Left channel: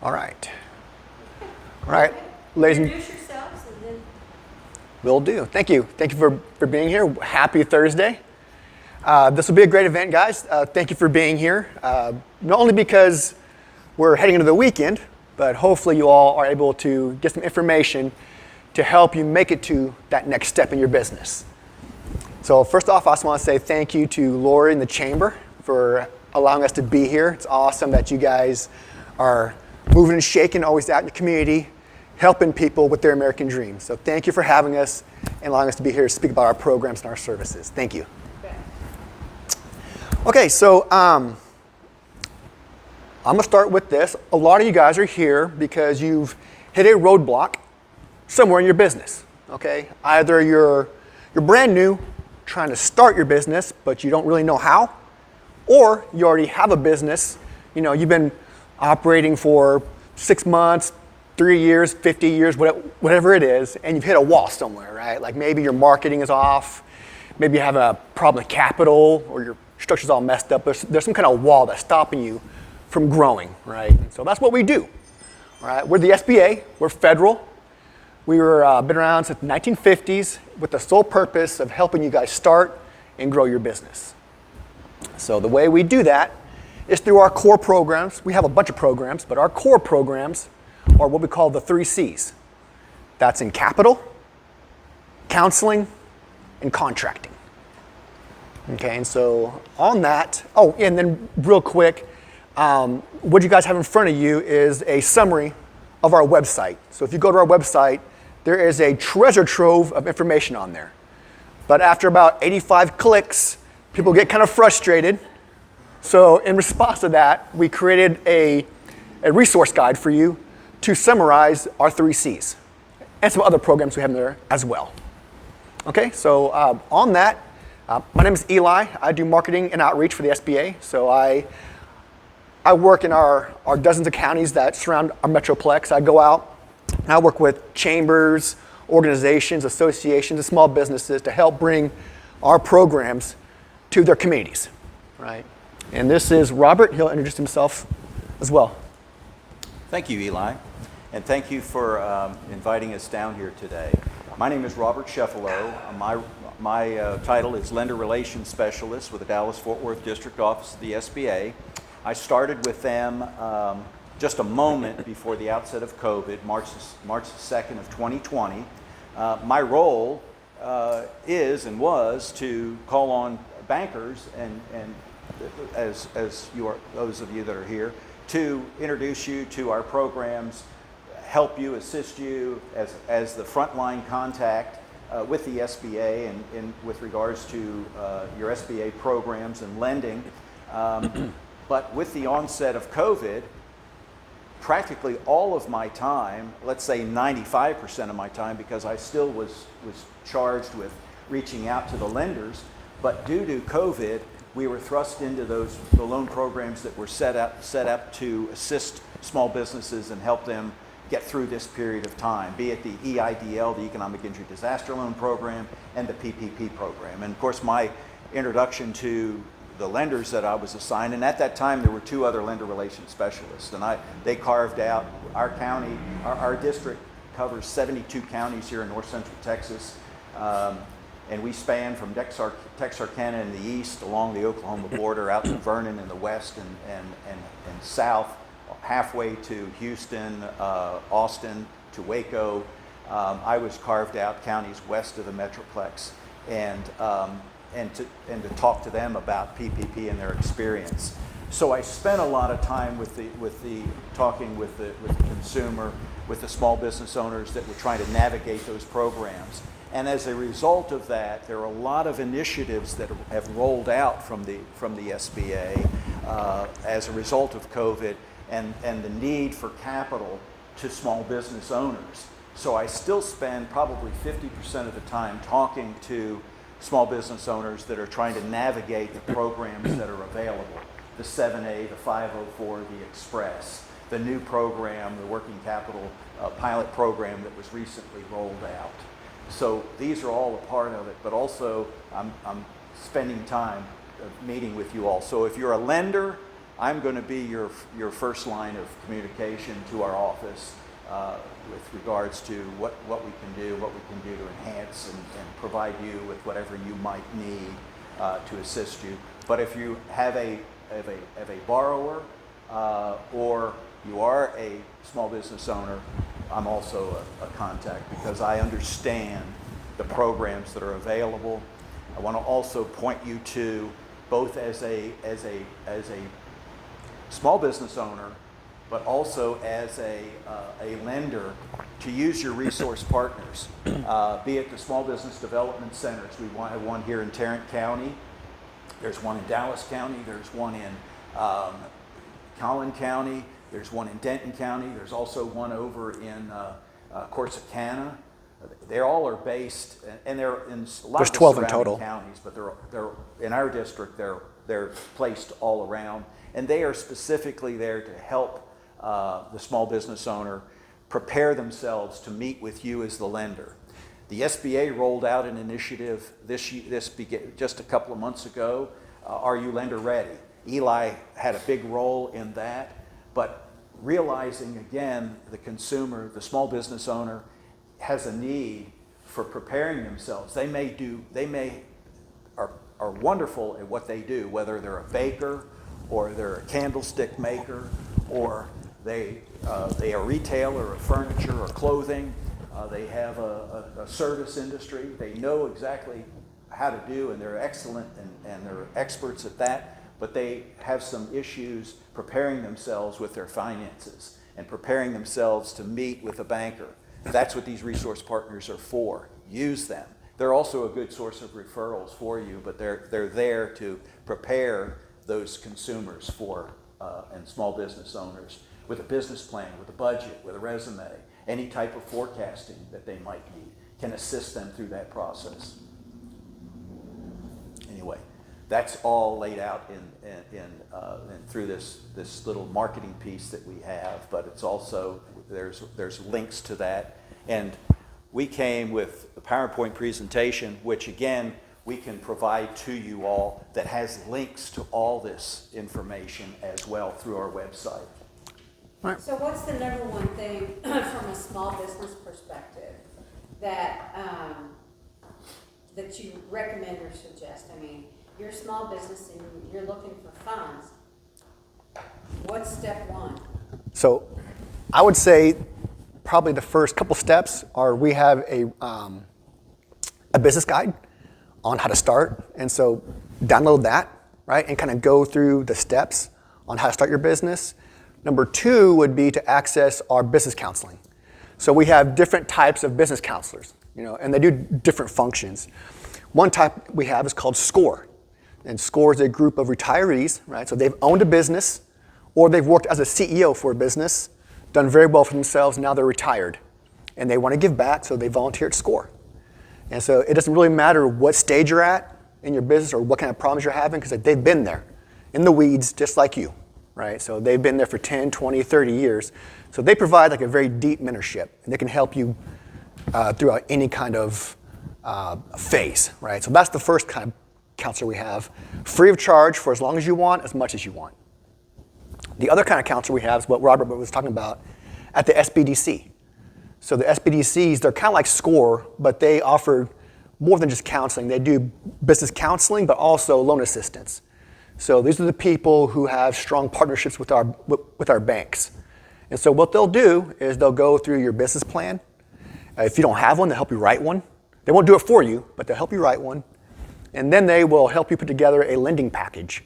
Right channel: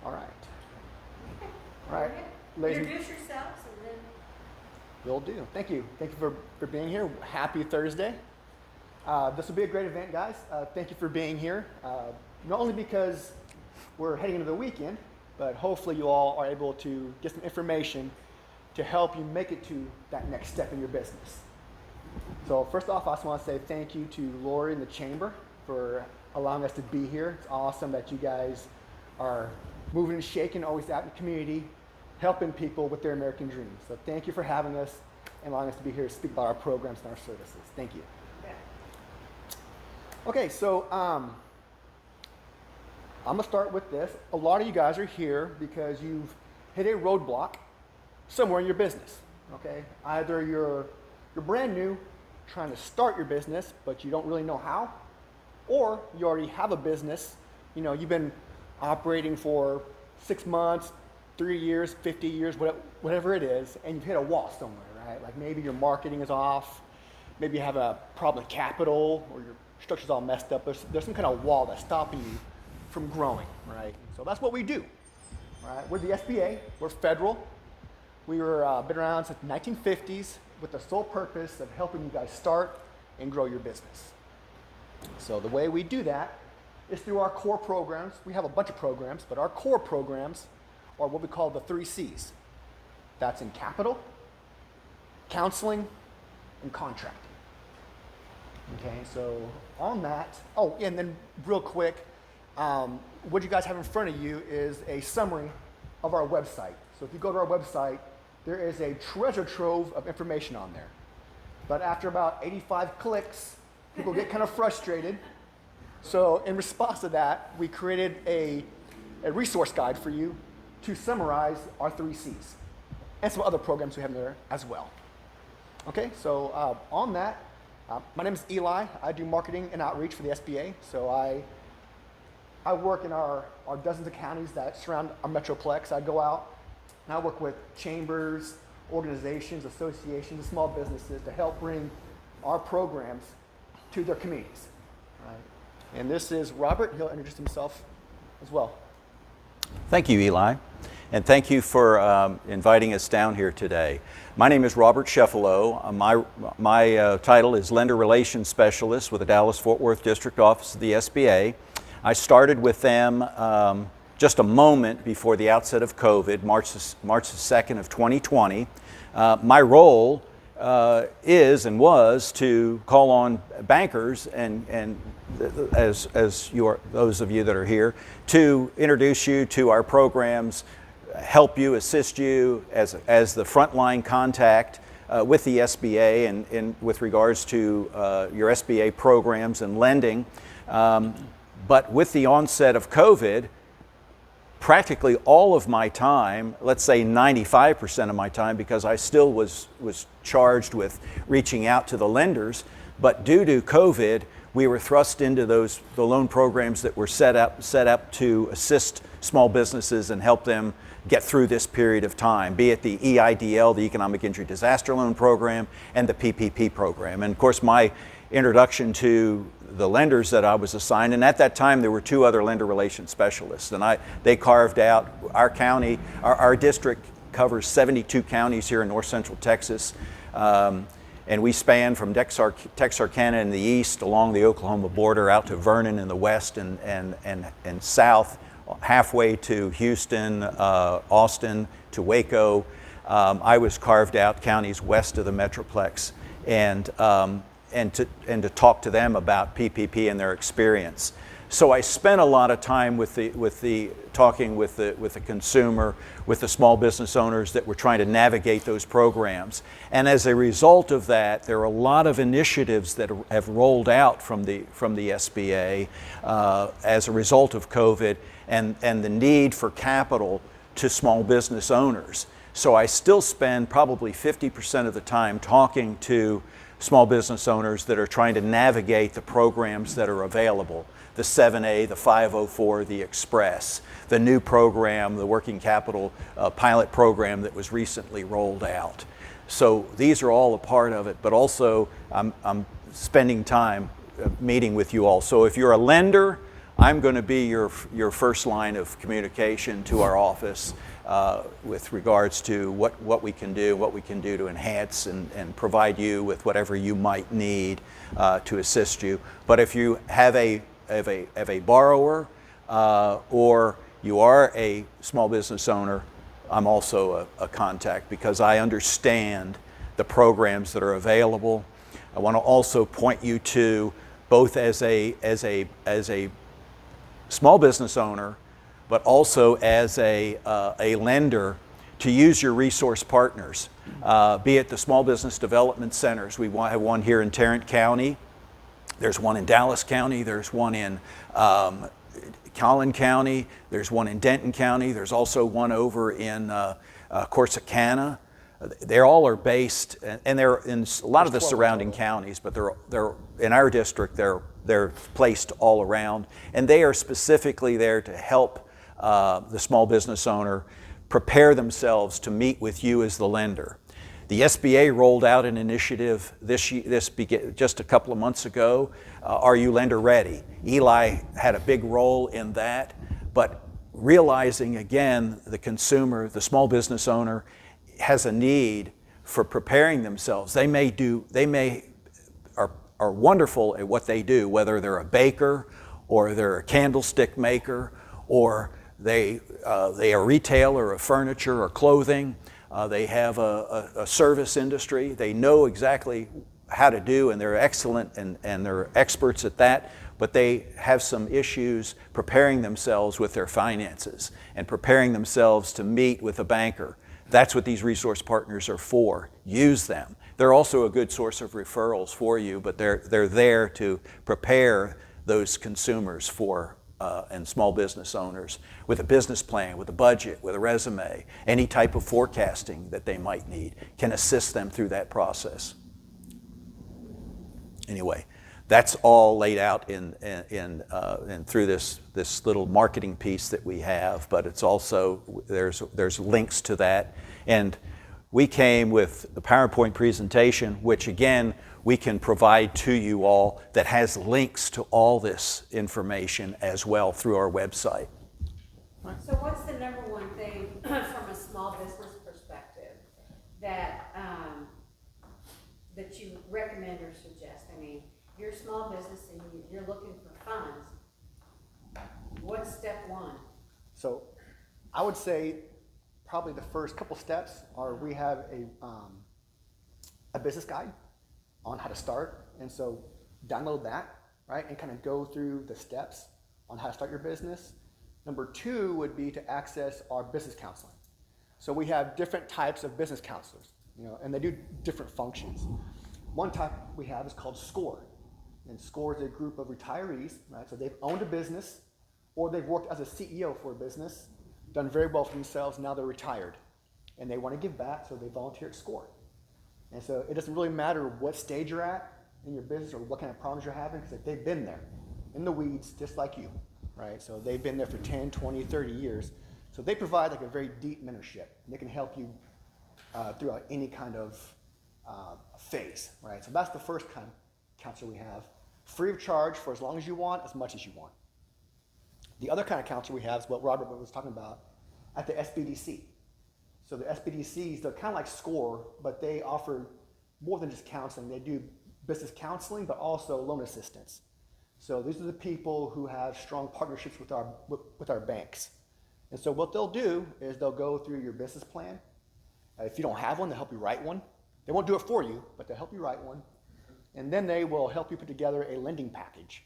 All right. All right. Ladies and Introduce yourselves and then will do. Thank you. Thank you for being here. Happy Thursday. This will be a great event, guys. Thank you for being here. Not only because we're heading into the weekend, but hopefully you all are able to get some information to help you make it to that next step in your business. So first off, I just want to say thank you to Lori and the Chamber for allowing us to be here. It's awesome that you guys are moving and shaking, always out in the community, helping people with their American dreams. So thank you for having us and allowing us to be here to speak about our programs and our services. Thank you. Okay, so I'm going to start with this. A lot of you guys are here because you've hit a roadblock somewhere in your business, okay? Either you're brand new, trying to start your business, but you don't really know how, or you already have a business, you've been operating for 6 months, 3 years, 50 years, whatever it is, and you've hit a wall somewhere, right? Like maybe your marketing is off, maybe you have a problem with capital, or your structure's all messed up. There's some kind of wall that's stopping you from growing, right? And so that's what we do, all right? We're the SBA, we're federal. We were been around since the 1950s with the sole purpose of helping you guys start and grow your business. So the way we do that is through our core programs. We have a bunch of programs, but our core programs are what we call the 3 C's. That's in capital, counseling, and contracting. Okay, and so on that, and then real quick, what you guys have in front of you is a summary of our website. So if you go to our website, there is a treasure trove of information on there. But after about 85 clicks, people get kind of frustrated. So in response to that, we created a resource guide for you to summarize our 3 C's and some other programs we have in there as well. Okay, so on that, my name is Eli. I do marketing and outreach for the SBA. So I work in our dozens of counties that surround our metroplex. I go out and I work with chambers, organizations, associations, and small businesses to help bring our programs to their communities, right? And this is Robert. He'll introduce himself as well. Thank you, Eli, and thank you for inviting us down here today. My name is Robert Sheffalo. My title is Lender Relations Specialist with the Dallas-Fort Worth District Office of the SBA. I started with them just a moment before the outset of COVID, March the 2nd of 2020. My role is and was to call on bankers and as those of you that are here, to introduce you to our programs, help you, assist you as the frontline contact with the SBA and with regards to your SBA programs and lending. But with the onset of COVID, practically all of my time, let's say 95% of my time, because I still was charged with reaching out to the lenders, but due to COVID, we were thrust into the loan programs that were set up to assist small businesses and help them get through this period of time, be it the EIDL, the Economic Injury Disaster Loan Program, and the PPP program. And of course, my introduction to the lenders that I was assigned, and at that time there were 2 other lender relations specialists, and they carved out our county. Our district covers 72 counties here in north central Texas, and we span from Texarkana in the east along the Oklahoma border out to Vernon in the west and south, halfway to Houston, Austin, to Waco. I was carved out counties west of the Metroplex, and to talk to them about PPP and their experience. So I spent a lot of time talking with the consumer, with the small business owners that were trying to navigate those programs. And as a result of that, there are a lot of initiatives that have rolled out from the SBA as a result of COVID and the need for capital to small business owners. So I still spend probably 50% of the time talking to small business owners that are trying to navigate the programs that are available, the 7A, the 504, the Express, the new program, the working capital pilot program that was recently rolled out. So these are all a part of it, but also I'm spending time meeting with you all. So if you're a lender, I'm going to be your first line of communication to our office with regards to what we can do to enhance and provide you with whatever you might need to assist you. But if you have a borrower or you are a small business owner, I'm also a contact because I understand the programs that are available. I want to also point you to both as a small business owner, but also as a lender, to use your resource partners, be it the small business development centers. We have one here in Tarrant County. There's one in Dallas County. There's one in Collin County. There's one in Denton County. There's also one over in Corsicana. They all are based, and they're in a lot of the surrounding counties, but they're in our district. They're placed all around, and they are specifically there to help the small business owner prepare themselves to meet with you as the lender. The SBA rolled out an initiative just a couple of months ago. Are you lender ready? Eli had a big role in that, but realizing again the consumer, the small business owner, has a need for preparing themselves. They are wonderful at what they do, whether they're a baker or they're a candlestick maker or they are a retailer of furniture or clothing. They have a service industry. They know exactly how to do, and they're excellent and they're experts at that, but they have some issues preparing themselves with their finances and preparing themselves to meet with a banker. That's what these resource partners are for. Use them. They're also a good source of referrals for you, but they're there to prepare those consumers and small business owners with a business plan, with a budget, with a resume, any type of forecasting that they might need, can assist them through that process. Anyway, that's all laid out in through this little marketing piece that we have, but it's also, there's links to that. And we came with a PowerPoint presentation, which again, we can provide to you all, that has links to all this information as well through our website. Right. So what's the number one thing from a small business perspective that that you recommend or suggest? I mean, you're a small business and you're looking for funds. What's step one? So I would say probably the first couple steps are we have a business guide on how to start. And so download that, right, and kind of go through the steps on how to start your business. Number two would be to access our business counseling. So we have different types of business counselors, and they do different functions. One type we have is called SCORE. And SCORE is a group of retirees, right? So they've owned a business or they've worked as a CEO for a business, done very well for themselves, now they're retired. And they want to give back, so they volunteer at SCORE. And so it doesn't really matter what stage you're at in your business or what kind of problems you're having, because they've been there in the weeds just like you, right? So they've been there for 10, 20, 30 years. So they provide like a very deep mentorship, and they can help you throughout any kind of phase, right? So that's the first kind of counselor we have, free of charge for as long as you want, as much as you want. The other kind of counselor we have is what Robert was talking about at the SBDC. So the SBDCs, they're kind of like SCORE, but they offer more than just counseling. They do business counseling, but also loan assistance. So these are the people who have strong partnerships with our banks. And so what they'll do is they'll go through your business plan. If you don't have one, they'll help you write one. They won't do it for you, but they'll help you write one. And then they will help you put together a lending package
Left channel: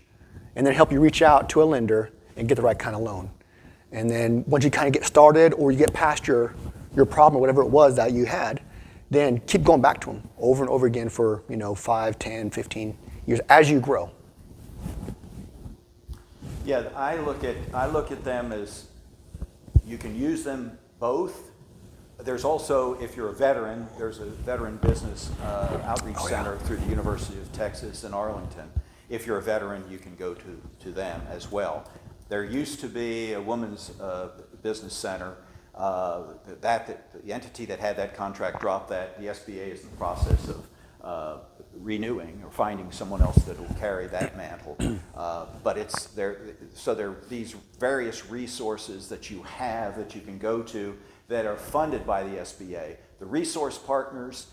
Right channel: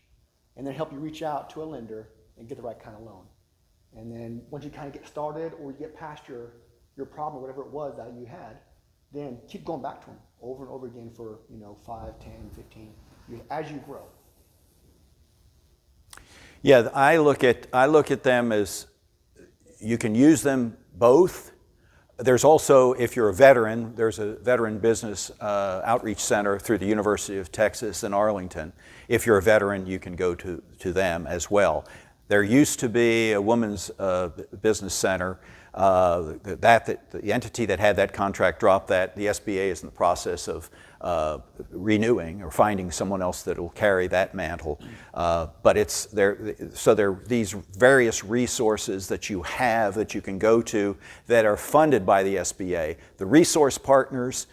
and then help you reach out to a lender and get the right kind of loan. And then once you kind of get started or you get past your problem or whatever it was that you had, then keep going back to them over and over again for 5, 10, 15 years as you grow. Yeah, I look at them as you can use them both. There's also, if you're a veteran, there's a veteran business outreach center through the University of Texas in Arlington. If you're a veteran, you can go to them as well. There used to be a women's business center. The entity that had that contract dropped that. The SBA is in the process of renewing or finding someone else that will carry that mantle. But it's there. So there are these various resources that you have that you can go to that are funded by the SBA. The resource partners,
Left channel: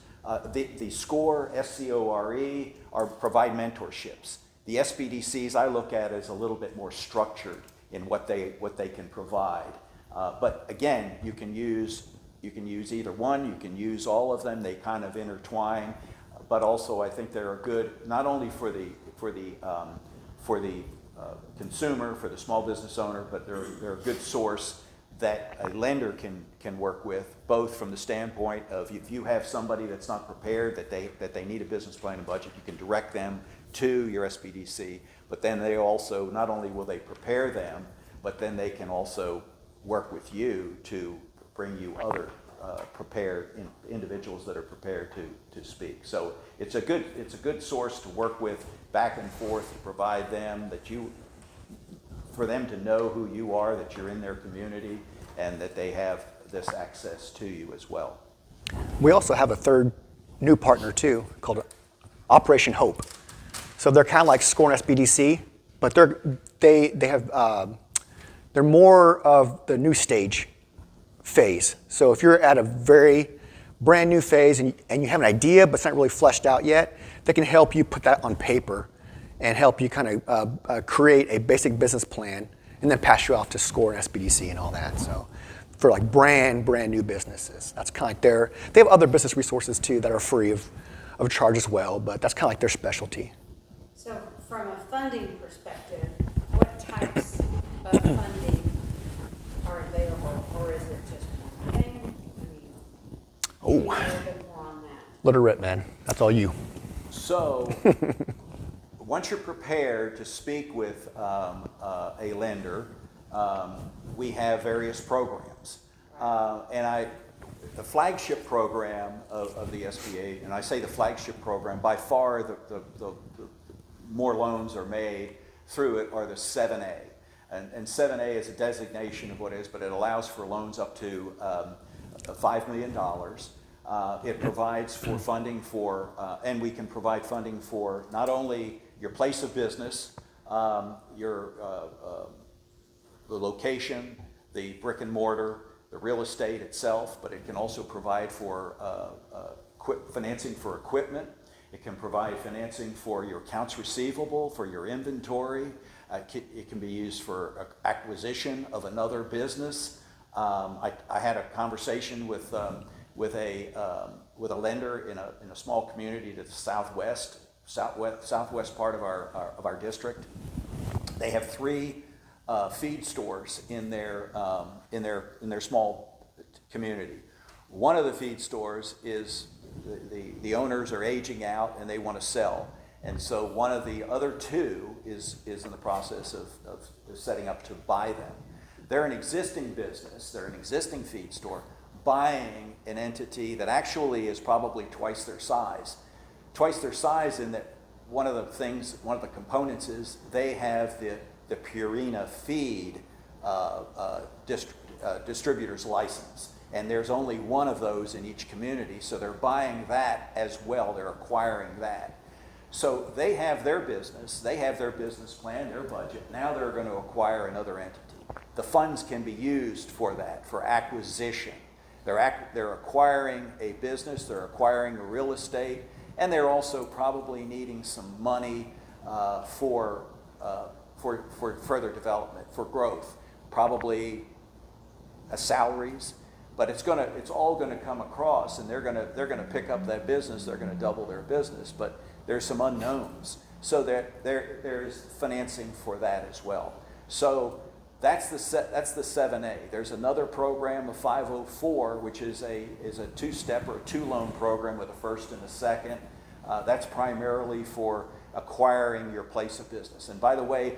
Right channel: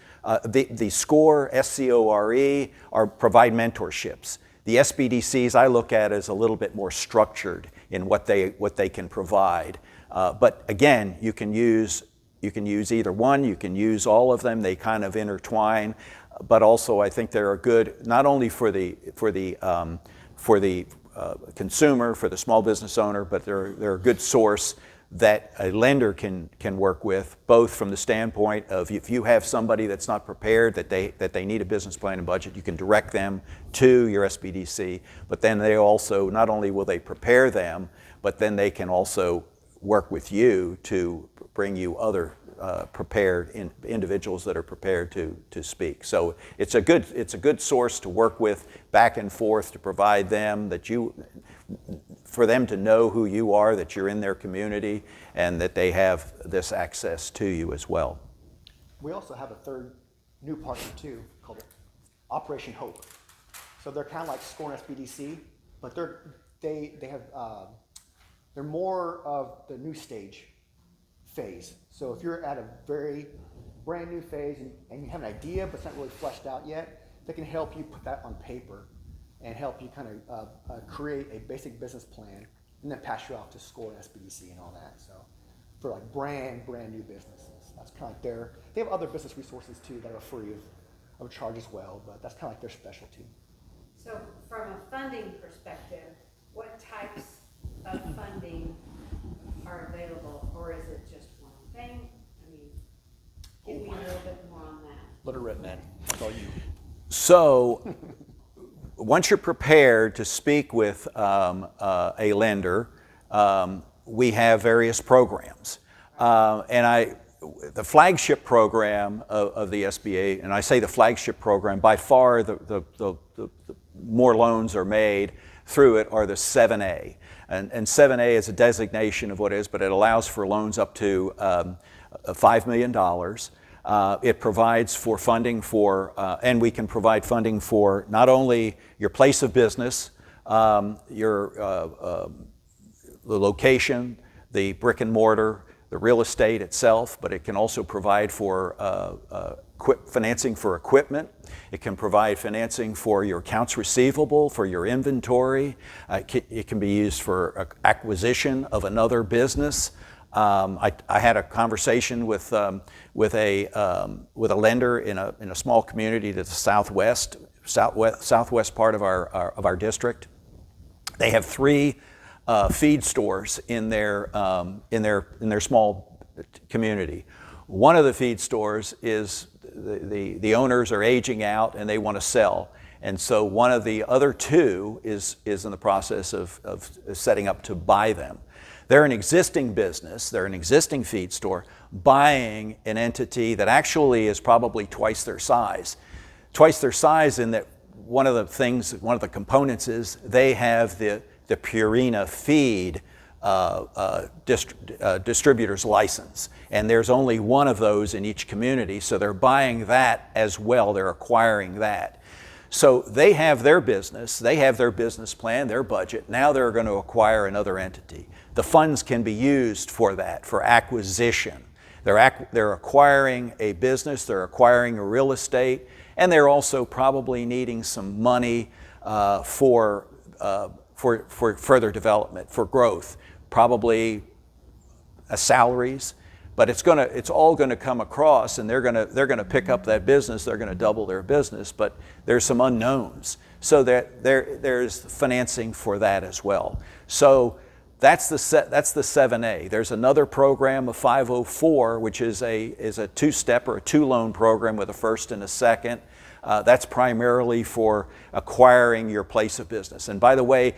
the SCORE, SCORE, provide mentorships. The SBDCs I look at as a little bit more structured in what they can provide. But again, you can use either one. You can use all of them. They kind of intertwine. But also, I think they're good not only for the consumer, for the small business owner, but they're a good source that a lender can work with, both from the standpoint of if you have somebody that's not prepared, that they need a business plan and budget, you can direct them to your SBDC. But then they also, not only will they prepare them, but then they can also work with you to bring you other prepared individuals that are prepared to speak. So it's a good source to work with back and forth, to provide them for them to know who you are, that you're in their community, and that they have this access to you as well. We also have a third new partner too, called Operation Hope. So they're kind of like SCORE and SBDC, but they're more of the new stage phase. So if you're at a very brand new phase and you have an idea but it's not really fleshed out yet, they can help you put that on paper and help you kind of create a basic business plan and then pass you off to SCORE and SBDC and all that. So for like brand new businesses, that's kind of like they have other business resources too that are free of charge as well, but that's kind of like their specialty. So from a funding perspective, what types of funding are available, or is it just one thing? I mean, a little bit more on that. Let her rip, man. That's all you. So once you're prepared to speak with a lender, we have various programs. The flagship program of the SBA, and I say the flagship program, by far the more loans are made through it, are the 7A. And 7A is a designation of what it is, but it allows for loans up to $5 million. It provides for funding for, and we can provide funding for not only your place of business, the location, the brick and mortar, the real estate itself, but it can also provide for financing for equipment. It can provide financing for your accounts receivable, for your inventory. It can be used for acquisition of another business. I had a conversation with a lender in a small community to the southwest part of our district. They have 3 feed stores in their small community. One of the feed stores is the owners are aging out and they want to sell, and so one of the other 2 is in the process of setting up to buy them. They're an existing business, they're an existing feed store, buying an entity that actually is probably twice their size. Twice their size in that one of the components is they have the Purina feed distributor's license. And there's only one of those in each community, so they're buying that as well, they're acquiring that. So they have their business, they have their business plan, their budget, now they're going to acquire another entity. The funds can be used for that, for acquisition. They're acquiring a business, they're acquiring a real estate, and they're also probably needing some money for further development, for growth, probably salaries. But it's all going to come across, and they're going to pick up that business. They're going to double their business, but there's some unknowns. So there's financing for that as well. So that's the 7A. There's another program, a 504, which is a 2-step or a 2-loan program with a first and a second. That's primarily for acquiring your place of business. And by the way,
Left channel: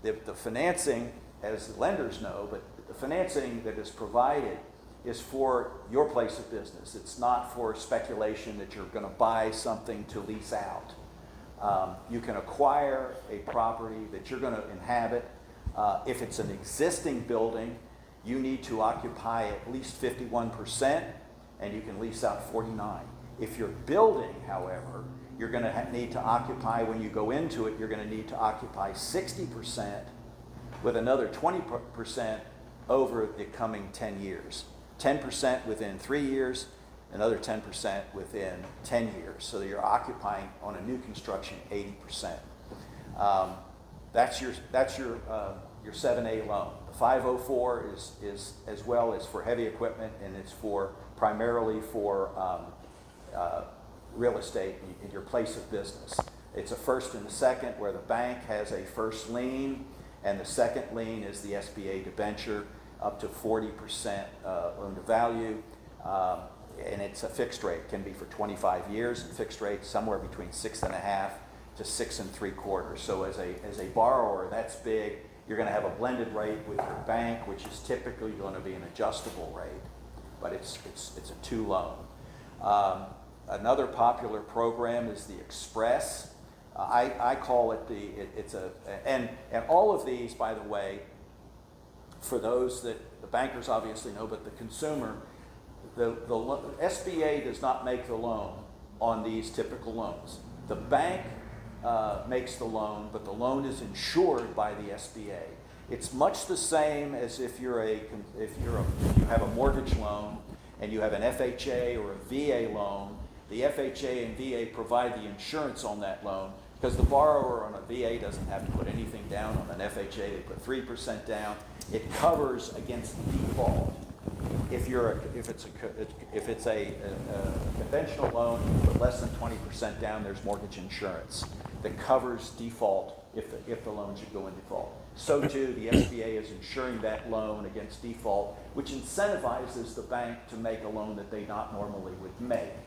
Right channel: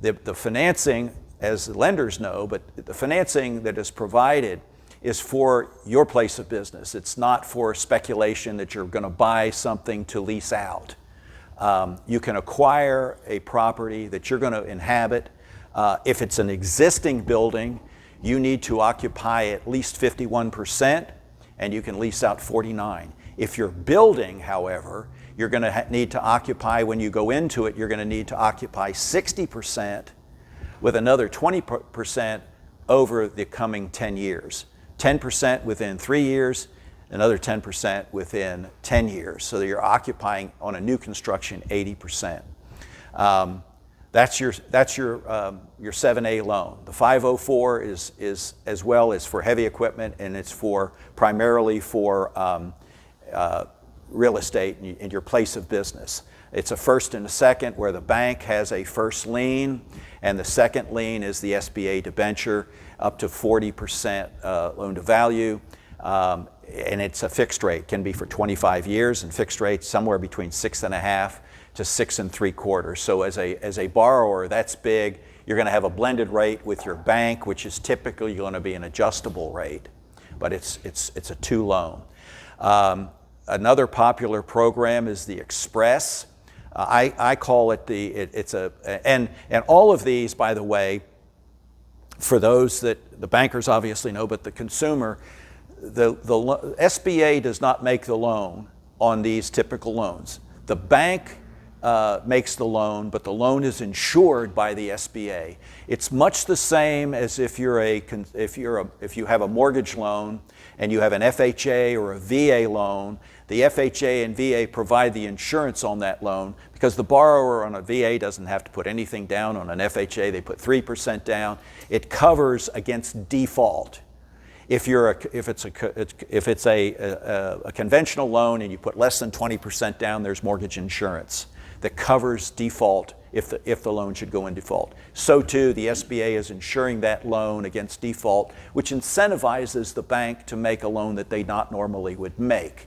the financing, as lenders know, but the financing that is provided is for your place of business. It's not for speculation that you're going to buy something to lease out. You can acquire a property that you're going to inhabit. If it's an existing building, you need to occupy at least 51%, and you can lease out 49%. If you're building, however, you're going to need to occupy, when you go into it, you're going to need to occupy 60% with another 20% over the coming 10 years. 10% within 3 years, another 10% within 10 years. So that you're occupying on a new construction 80%. That's your 7A loan. The 504 is as well as for heavy equipment, and it's primarily for real estate in your place of business. It's a first and a second, where the bank has a first lien, and the second lien is the SBA debenture, up to 40% loan to value, and it's a fixed rate. Can be for 25 years, and fixed rates somewhere between 6.5 to 6 3/4. So as a borrower, that's big. You're going to have a blended rate with your bank, which is typically going to be an adjustable rate, but it's a 2 loan. Another popular program is the Express. I call it and all of these, by the way, for those that the bankers obviously know, but the consumer, the SBA does not make the loan on these typical loans. The bank makes the loan, but the loan is insured by the SBA. It's much the same as if you have a mortgage loan and you have an FHA or a VA loan. The FHA and VA provide the insurance on that loan, because the borrower on a VA doesn't have to put anything down. On an FHA, they put 3% down. It covers against default. If it's a conventional loan and you put less than 20% down, there's mortgage insurance that covers default if the loan should go in default. So too, the SBA is insuring that loan against default, which incentivizes the bank to make a loan that they not normally would make.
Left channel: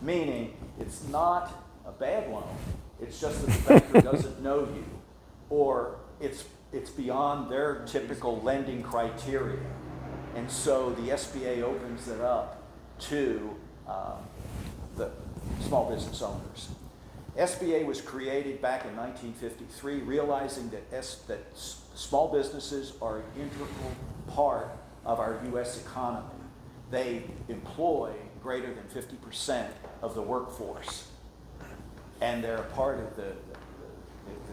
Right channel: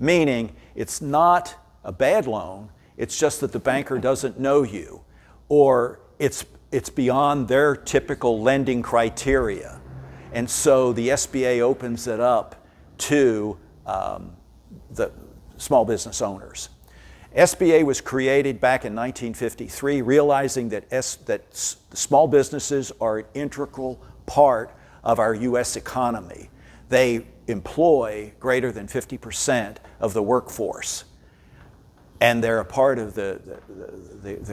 Meaning, it's not a bad loan, it's just that the banker doesn't know you, or it's beyond their typical lending criteria. And so the SBA opens it up to the small business owners. SBA was created back in 1953, realizing that small businesses are an integral part of our U.S. economy. They employ greater than 50% of the workforce, and they're a part of the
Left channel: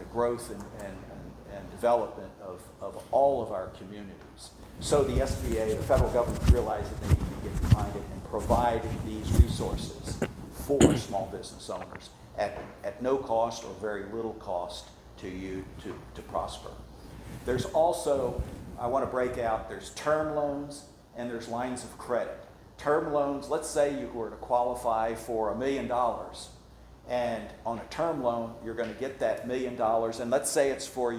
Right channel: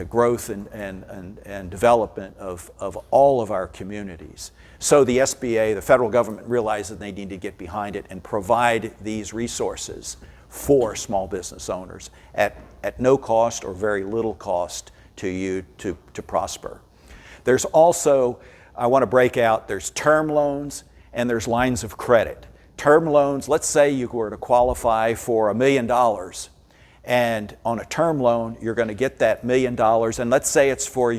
growth and development of all of our communities. So the SBA, the federal government, realized that they need to get behind it and provide these resources for small business owners at no cost or very little cost to you to prosper. There's also, I want to break out, there's term loans and there's lines of credit. Term loans, let's say you were to qualify for $1 million, and on a term loan, you're going to get that $1 million, and let's say it's for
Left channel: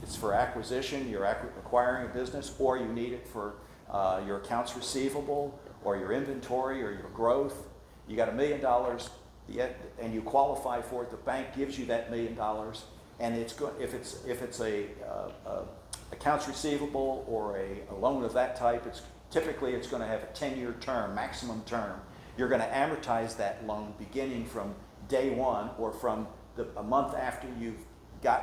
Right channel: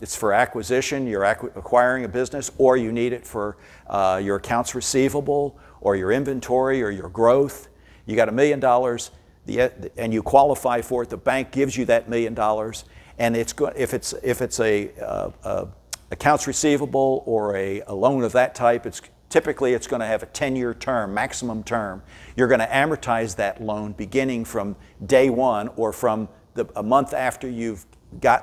it's for acquisition, you're acquiring a business, or you need it for your accounts receivable, or your inventory, or your growth. You got $1 million, and you qualify for it. The bank gives you that $1 million, and if it's a accounts receivable or a loan of that type, typically it's going to have a 10-year term, maximum term. You're going to amortize that loan beginning from day one, or from a month after you've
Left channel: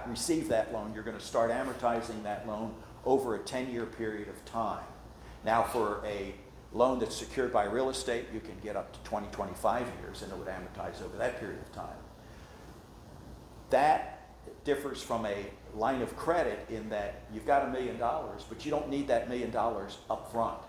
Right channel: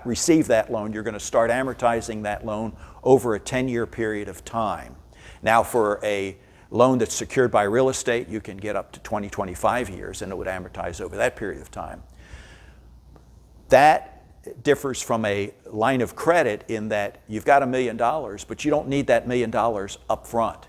received that loan. You're going to start amortizing that loan over a 10-year period of time. Now, for a loan that's secured by real estate, you can get up to 20, 25 years, and it would amortize over that period of time. That differs from a line of credit in that you've got $1 million, but you don't need that $1 million up front.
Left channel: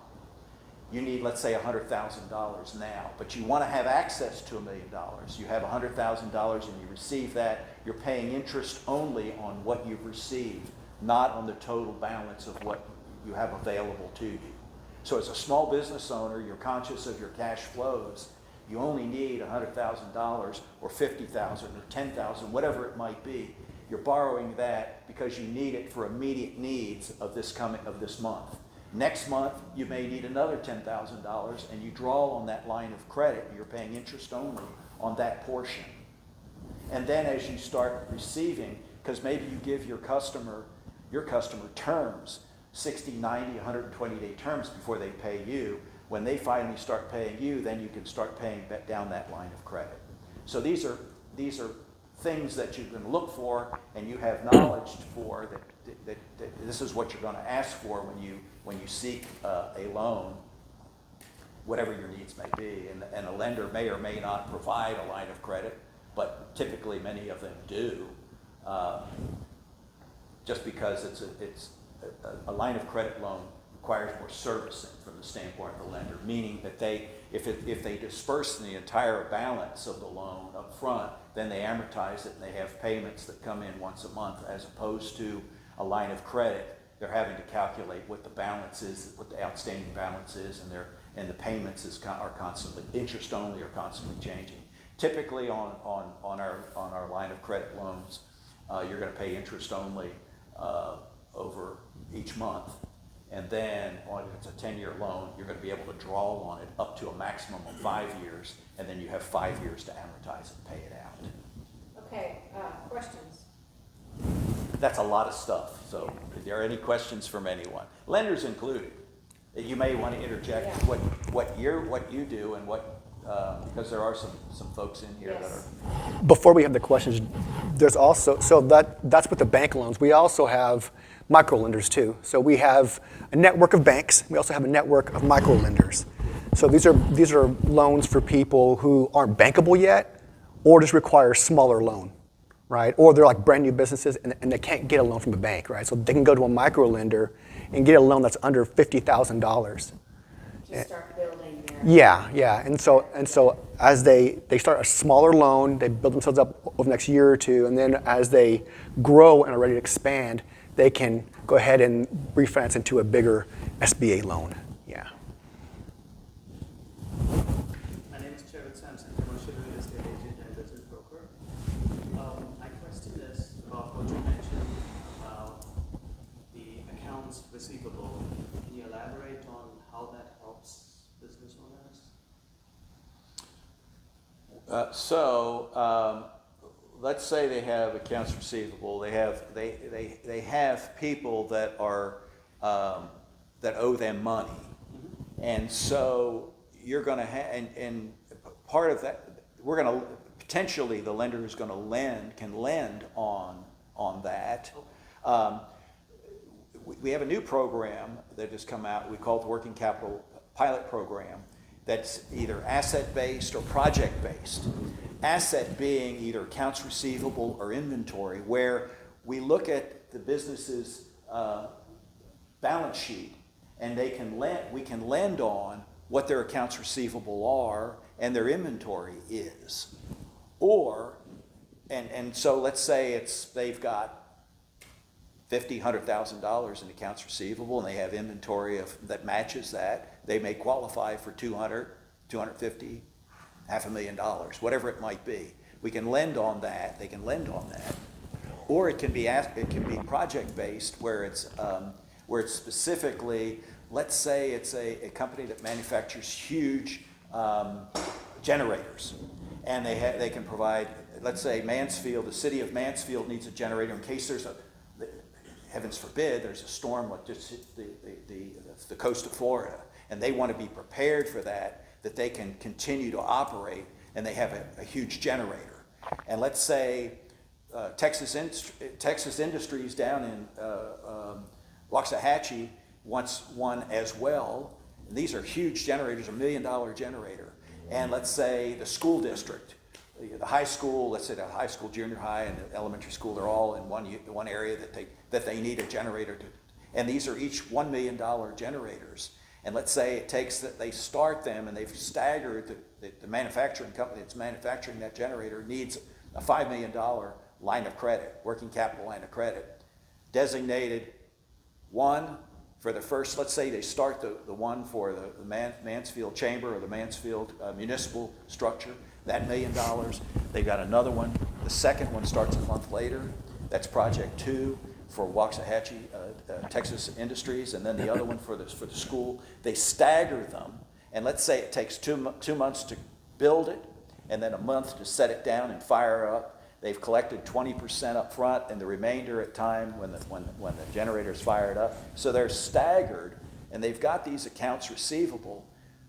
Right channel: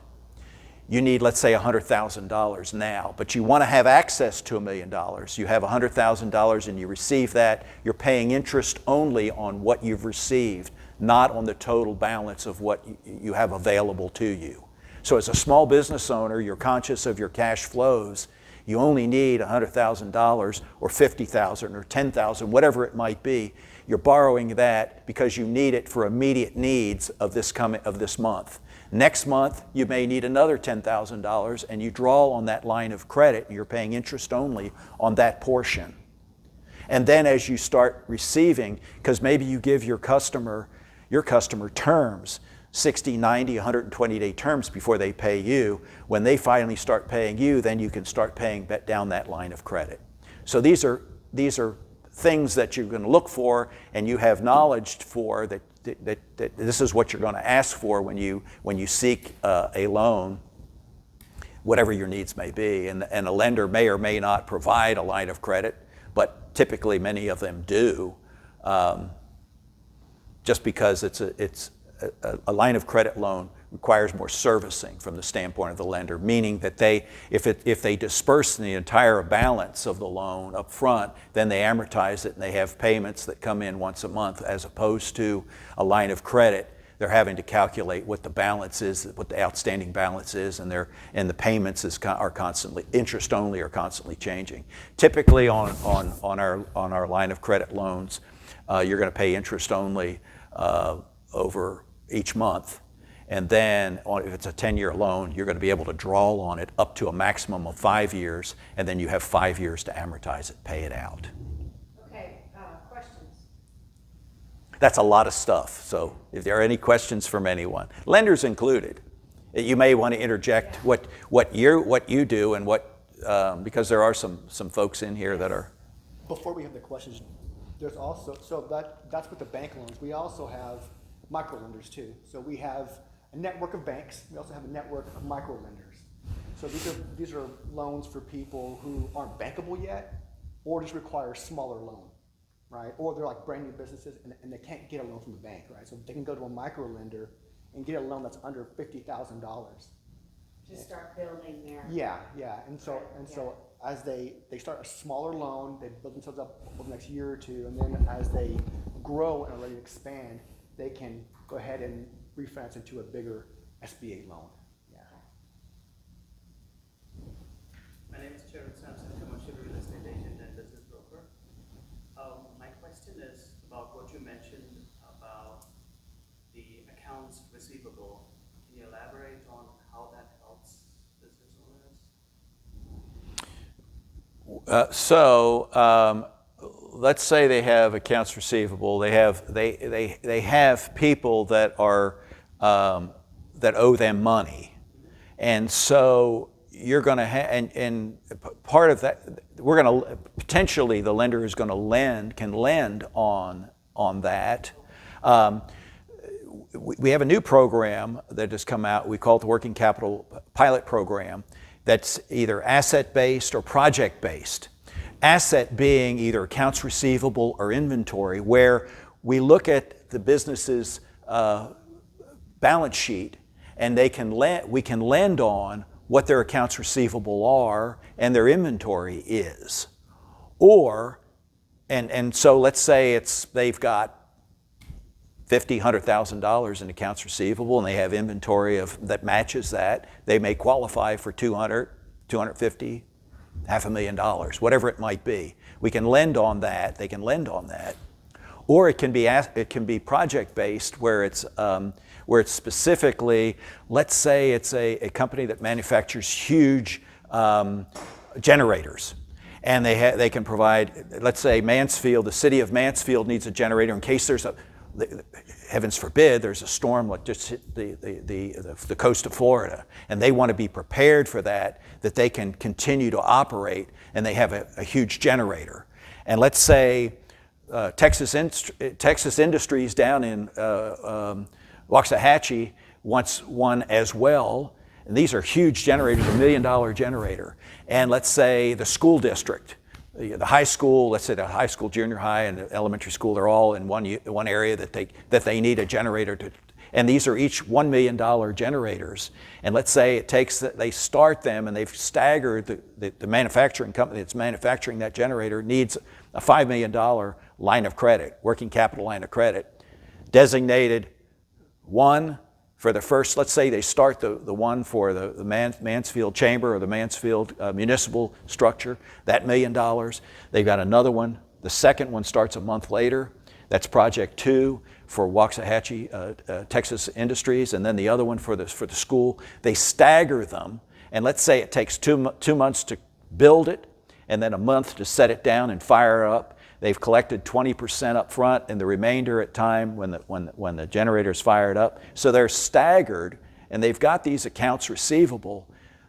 You need, let's say, $100,000 now, but you want to have access to $1 million. You have $100,000 and you receive that. You're paying interest only on what you've received, not on the total balance of what you have available to you. So as a small business owner, you're conscious of your cash flows. You only need $100,000 or $50,000 or $10,000, whatever it might be. You're borrowing that because you need it for immediate needs of this month. Next month, you may need another $10,000, and you draw on that line of credit, and you're paying interest only on that portion. And then as you start receiving, because maybe you give your customer terms, 60, 90, 120-day terms before they pay you. When they finally start paying you, then you can start paying down that line of credit. So these are things that you're going to look for, and you have knowledge for that this is what you're going to ask for when you seek a loan. whatever your needs may be. And a lender may or may not provide a line of credit, but typically many of them do, just because it's a line of credit loan requires more servicing from the standpoint of the lender, meaning that if they disperse the entire balance of the loan up front, then they amortize it and they have payments that come in once a month, as opposed to a line of credit. They're having to calculate what the balance is, what the outstanding balance is, and the payments are constantly, interest only, are constantly changing. Typically on our line of credit loans, you're going to pay interest only over each month. And then if it's a 10-year loan, you're going to be able to draw on it up to a maximum of 5 years, and then you have 5 years to amortize it, pay it out. Okay, questions? That's a lot of stuff. So if there are any questions from anyone, lenders included, you may want to interject what you do and what, because there are some folks in here that are. Before we have the questions, there's also, so that's with the bank loans. We also have micro lenders too. So we have a network of banks. We also have a network of micro lenders. So these are loans for people who aren't bankable yet, or just require a smaller loan, right? Or they're like brand new businesses and they can't get a loan from a bank, right? So they can go to a micro lender and get a loan that's under $50,000. To start building their. Yeah. And so as they start a smaller loan, they build themselves up over the next year or two, and then as they grow and are ready to expand, they can go ahead and refinance into a bigger SBA loan. Yeah. My name is Chairman Sampson, commercial real estate agent and business broker. My question is about what you mentioned about the accounts receivable. Can you elaborate on how that helps business owners? Let's say they have accounts receivable. They have people that are that owe them money, and so you're going to and part of that, we're going to potentially, the lender is going to can lend on that. We have a new program that has come out. We call it the Working Capital Pilot Program. That's either asset-based or project-based. Asset being either accounts receivable or inventory, where we look at the business's balance sheet and we can lend on what their accounts receivable are and their inventory is. Or, and so let's say they've got $50,000, $100,000 in accounts receivable and they have inventory that matches that. They may qualify for $200,000, $250,000, $500,000, whatever it might be. We can lend on that. They can lend on that, or it can be project-based, where it's specifically, let's say it's a company that manufactures huge generators, and they can provide. Let's say Mansfield, the city of Mansfield needs a generator in case there's heavens forbid, there's a storm like just hit the coast of Florida, and they want to be prepared for that they can continue to operate, and they have a huge generator. And let's say Texas Industries down in Waxahachie wants one as well, and these are huge generators, $1 million generator. And let's say the school district, the high school, let's say the high school, junior high, and the elementary school, they're all in one area that they need a generator to, and these are each $1 million generators. And let's say they start them and they've staggered, the manufacturing company that's manufacturing that generator needs a $5 million line of credit, working capital line of credit, designated one for the first, let's say they start the one for the Mansfield Chamber or the Mansfield municipal structure, that $1 million. They've got another one. The second one starts a month later. That's project 2 for Waxahachie, Texas Industries, and then the other one for the school. They stagger them, and let's say it takes 2 months to build it, and then a month to set it down and fire up. They've collected 20% up front, and the remainder at time when the generator's fired up. So they're staggered, and they've got these accounts receivable.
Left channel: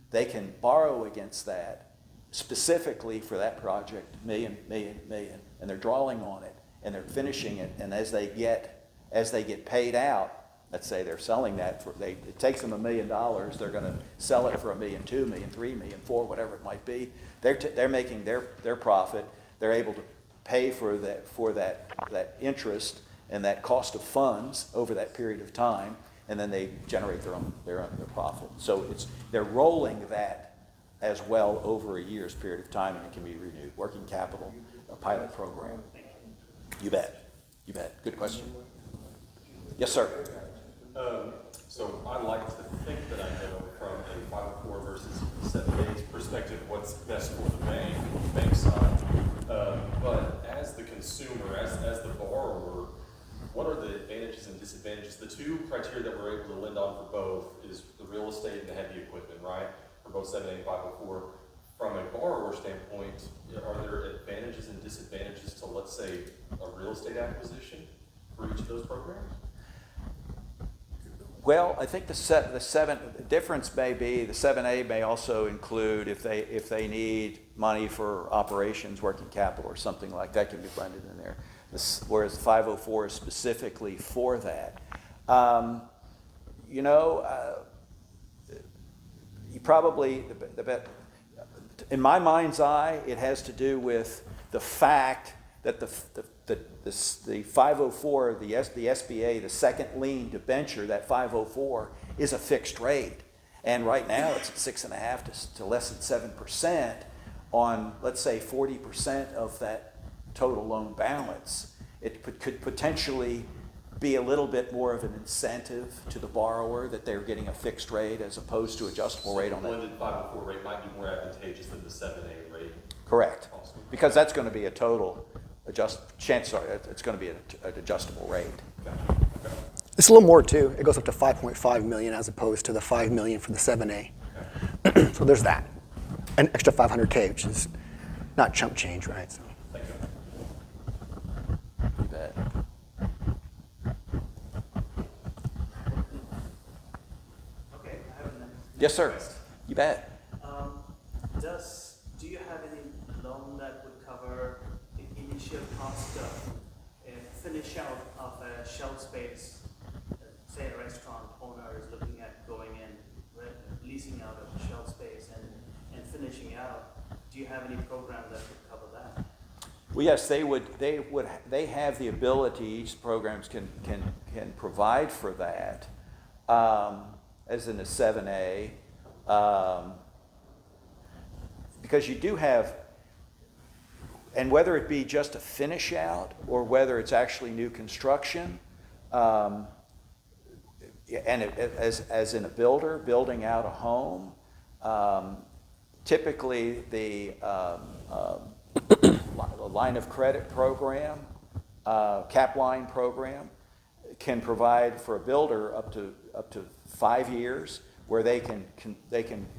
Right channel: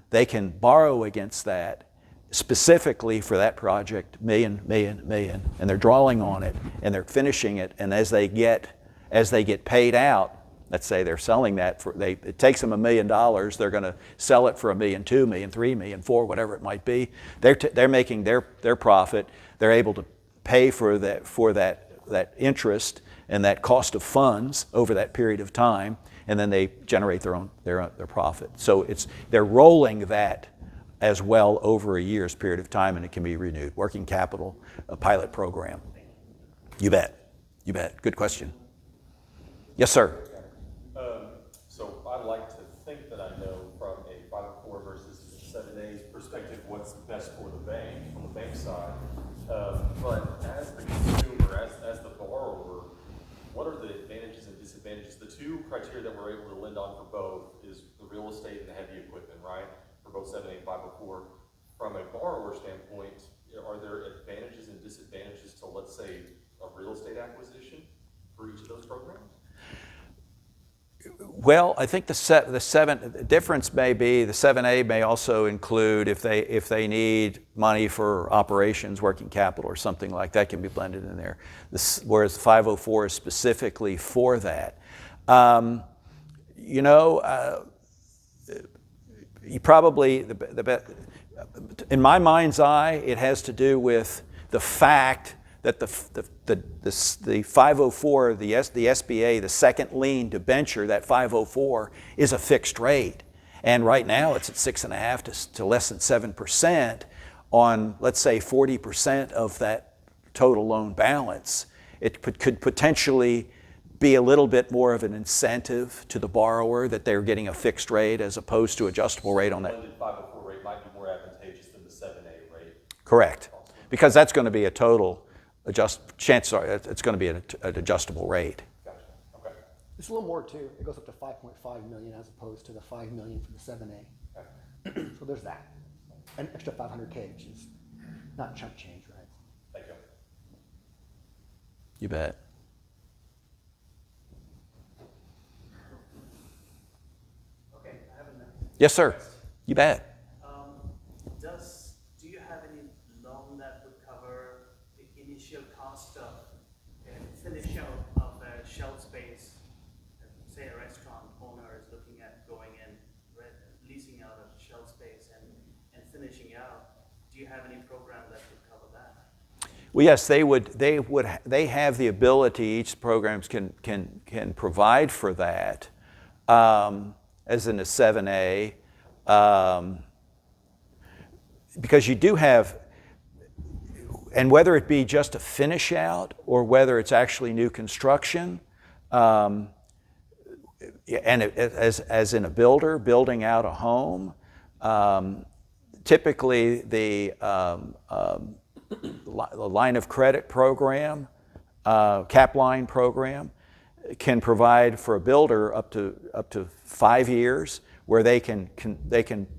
They can borrow against that specifically for that project, million, and they're drawing on it, and they're finishing it, and as they get paid out, Let's say they're selling that for, it takes them $1 million, they're going to sell it for $1 million, $2 million, $3 million, $4 million, whatever it might be. They're making their profit. They're able to pay for that interest and that cost of funds over that period of time, and then they generate their profit. So they're rolling that as well over a year's period of time, and it can be renewed. Working capital, a pilot program. You bet. You bet. Good question. Yes, sir. So I like to think that I know from a 504 versus 7A's perspective what's best for the bank side. But as the consumer, as the borrower, what are the advantages and disadvantages? The two criteria that we're able to lend on for both is the real estate and the heavy equipment, right? For both 7A and 504. From a borrower standpoint, are there advantages and disadvantages to, let's say, a real estate acquisition for each of those programs? Well, I think the difference may be the 7A may also include if they need money for operations, working capital, or something like that can be blended in there. Whereas the 504 is specifically for that. You probably in my mind's eye, it has to do with the fact that the 504, the SBA, the second lien debenture, that 504 is a fixed rate. And right now it's at 6.5% to less than 7% on, let's say, 40% of that total loan balance. It could potentially be a little bit more of an incentive to the borrower that they're getting a fixed rate as opposed to adjustable rate on that. The 504 rate might be more advantageous than the 7A rate. Correct. Because that's going to be a total chances are it's going to be an adjustable rate. It's a little more too. It goes up to 5.5 million as opposed to the 5 million for the 7A. So there's that. An extra 500K, which is not chump change, right? So. You bet. Okay, I have a Yes, sir. request. You bet. Do you have any loan that would cover the initial cost of a finish out of a shelf space? Say a restaurant owner is looking at going in, leasing out of the shelf space and finishing out. Do you have any program that would cover that? Well, yes, they have the ability. Each programs can provide for that, as in a 7A, because you do have, and whether it be just a finish out or whether it's actually new construction, and as in a builder building out a home, typically the line of credit program, cap line program, can provide for a builder up to 5 years, where they can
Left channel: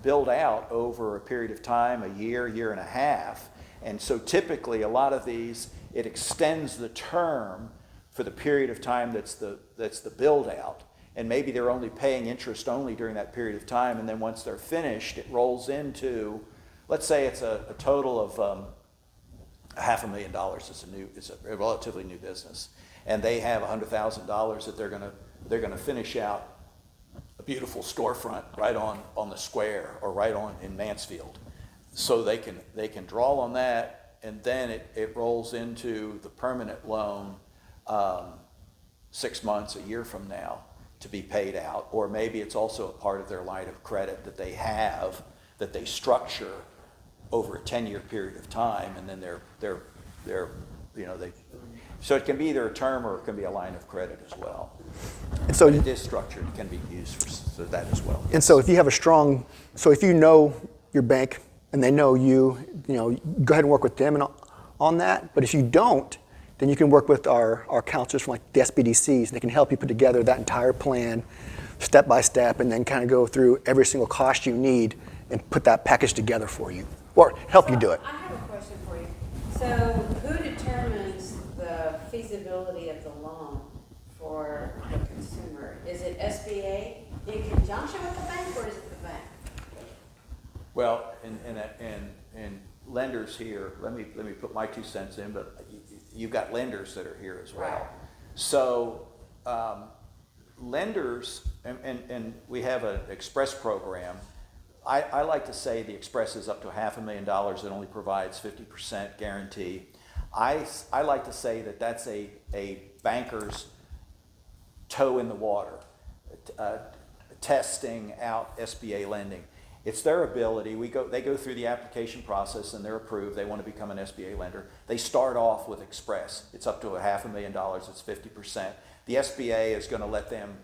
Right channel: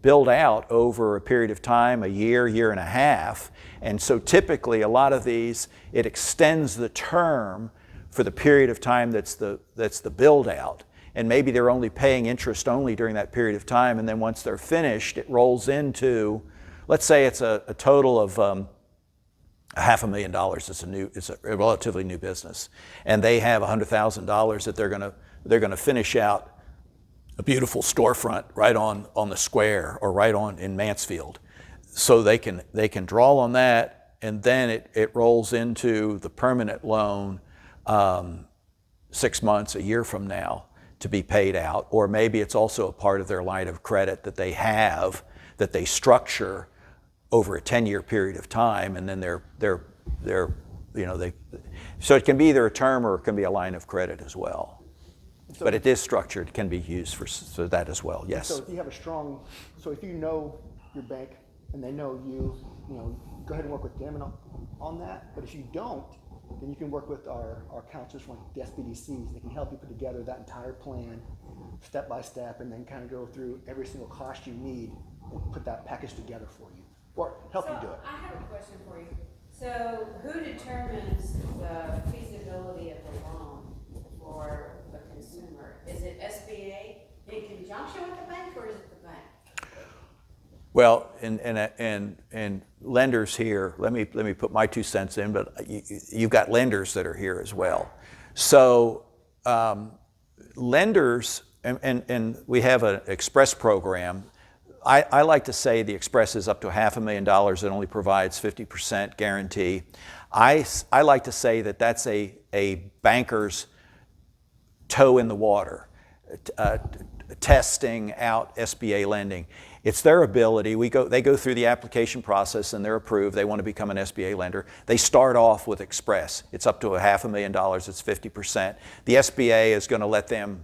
build out over a period of time, a year, year and a half. And so typically a lot of these, it extends the term for the period of time that's the build out. And maybe they're only paying interest only during that period of time, and then once they're finished, it rolls into, let's say it's a total of $500,000. It's a relatively new business, and they have $100,000 that they're going to finish out a beautiful storefront right on the square or right on in Mansfield. So they can draw on that, and then it rolls into the permanent loan 6 months, a year from now to be paid out. Or maybe it's also a part of their line of credit that they have, that they structure over a 10-year period of time, and then so it can be either a term or it can be a line of credit as well. And so, but it is structured, it can be used for that as well. Yes. And so if you have if you know your bank and they know you, go ahead and work with them on that. But if you don't, then you can work with our counselors from like the SBDCs, and they can help you put together that entire plan step by step, and then kind of go through every single cost you need and put that package together for you, or help you do it. I have a question for you. So who determines the feasibility of the loan for the consumer? Is it SBA in conjunction with the bank, or is it the bank? Well, and lenders here, let me put my 2 cents in, but you've got lenders that are here as well. So lenders, and we have an Express program. I like to say the Express is up to $500,000. It only provides 50% guarantee. I like to say that that's a banker's toe in the water, testing out SBA lending. It's their ability. They go through the application process and they're approved. They want to become an SBA lender. They start off with Express. It's up to $500,000. It's 50%. The SBA is going to let them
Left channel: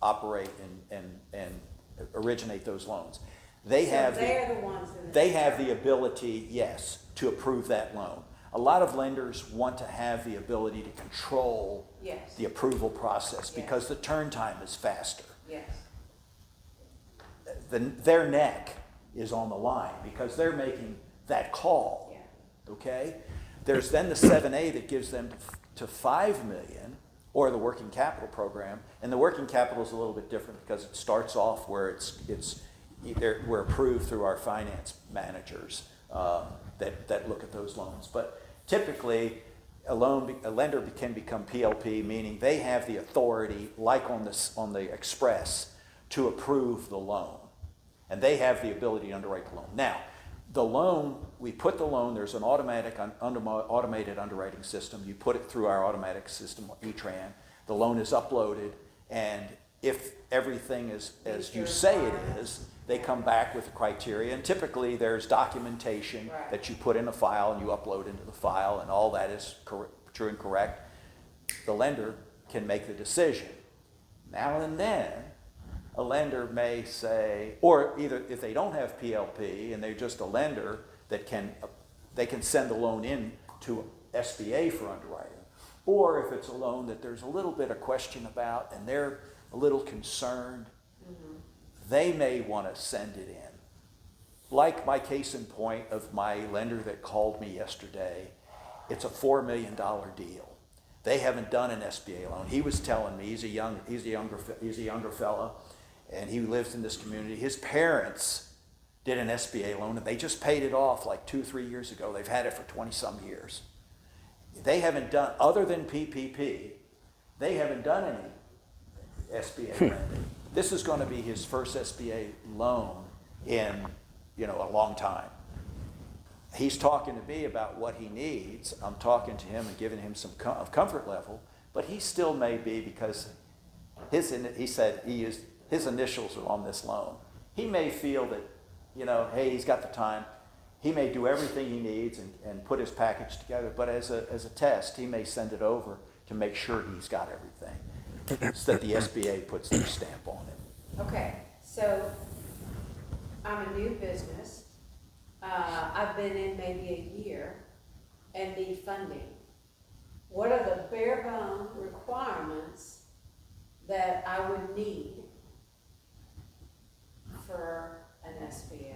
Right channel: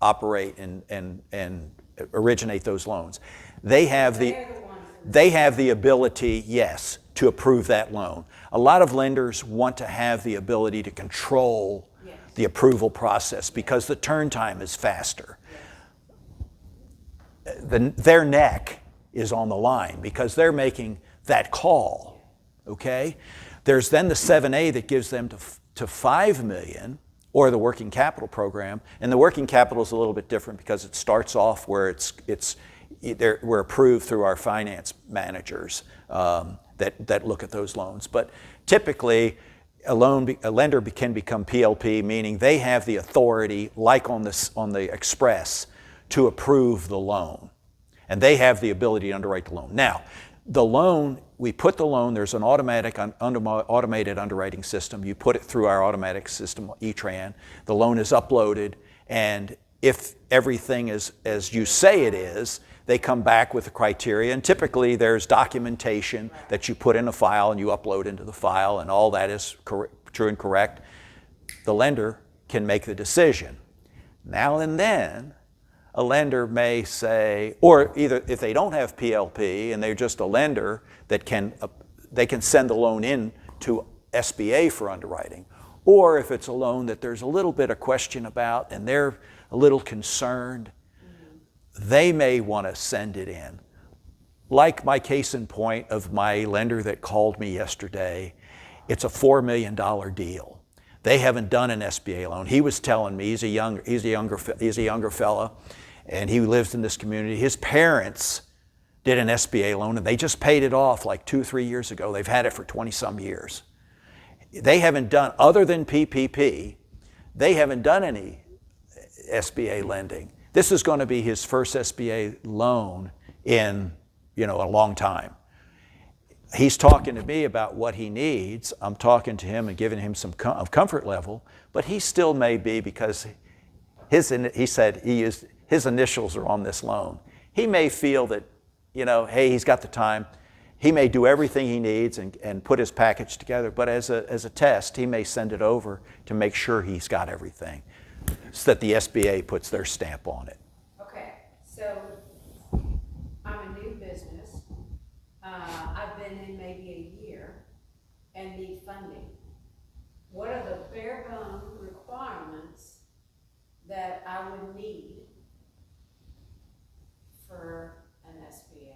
operate and originate those loans. They have the ability, yes, to approve that loan. A lot of lenders want to have the ability to control the approval process because the turn time is faster. Their neck is on the line because they're making that call, okay? There's then the 7A that gives them to $5 million, or the working capital program, and the working capital is a little bit different because it starts off where we're approved through our finance managers that look at those loans. But typically, a lender can become PLP, meaning they have the authority, like on the Express, to approve the loan. And they have the ability to underwrite the loan. Now, the loan, we put the loan, there's an automated underwriting system. You put it through our automatic system, E-Tran. The loan is uploaded, and if everything is as you say it is, they come back with the criteria. And typically there's documentation that you put in a file and you upload into the file, and all that is true and correct. The lender can make the decision. Now and then, a lender may say, or either if they don't have PLP and they're just a lender that they can send the loan in to SBA for underwriting. Or if it's a loan that there's a little bit of question about and they're a little concerned, they may want to send it in. Like my case in point of my lender that called me yesterday, it's a $4 million deal. They haven't done an SBA loan. He was telling me, he's a younger fella, and he lives in this community. His parents did an SBA loan, and they just paid it off like 2-3 years ago. They've had it for 20-some years. They haven't done, other than PPP, they haven't done any SBA lending. This is going to be his first SBA loan in, a long time. He's talking to me about what he needs. I'm talking to him and giving him some comfort level, but he still may be, because he said his initials are on this loan. He may feel that, hey, he's got the time. He may do everything he needs and put his package together, but as a test, he may send it over to make sure he's got everything, so that the SBA puts their stamp on it. Okay, so I'm a new business. I've been in maybe a year and need funding. What are the bare bone requirements that I would need for an SBA?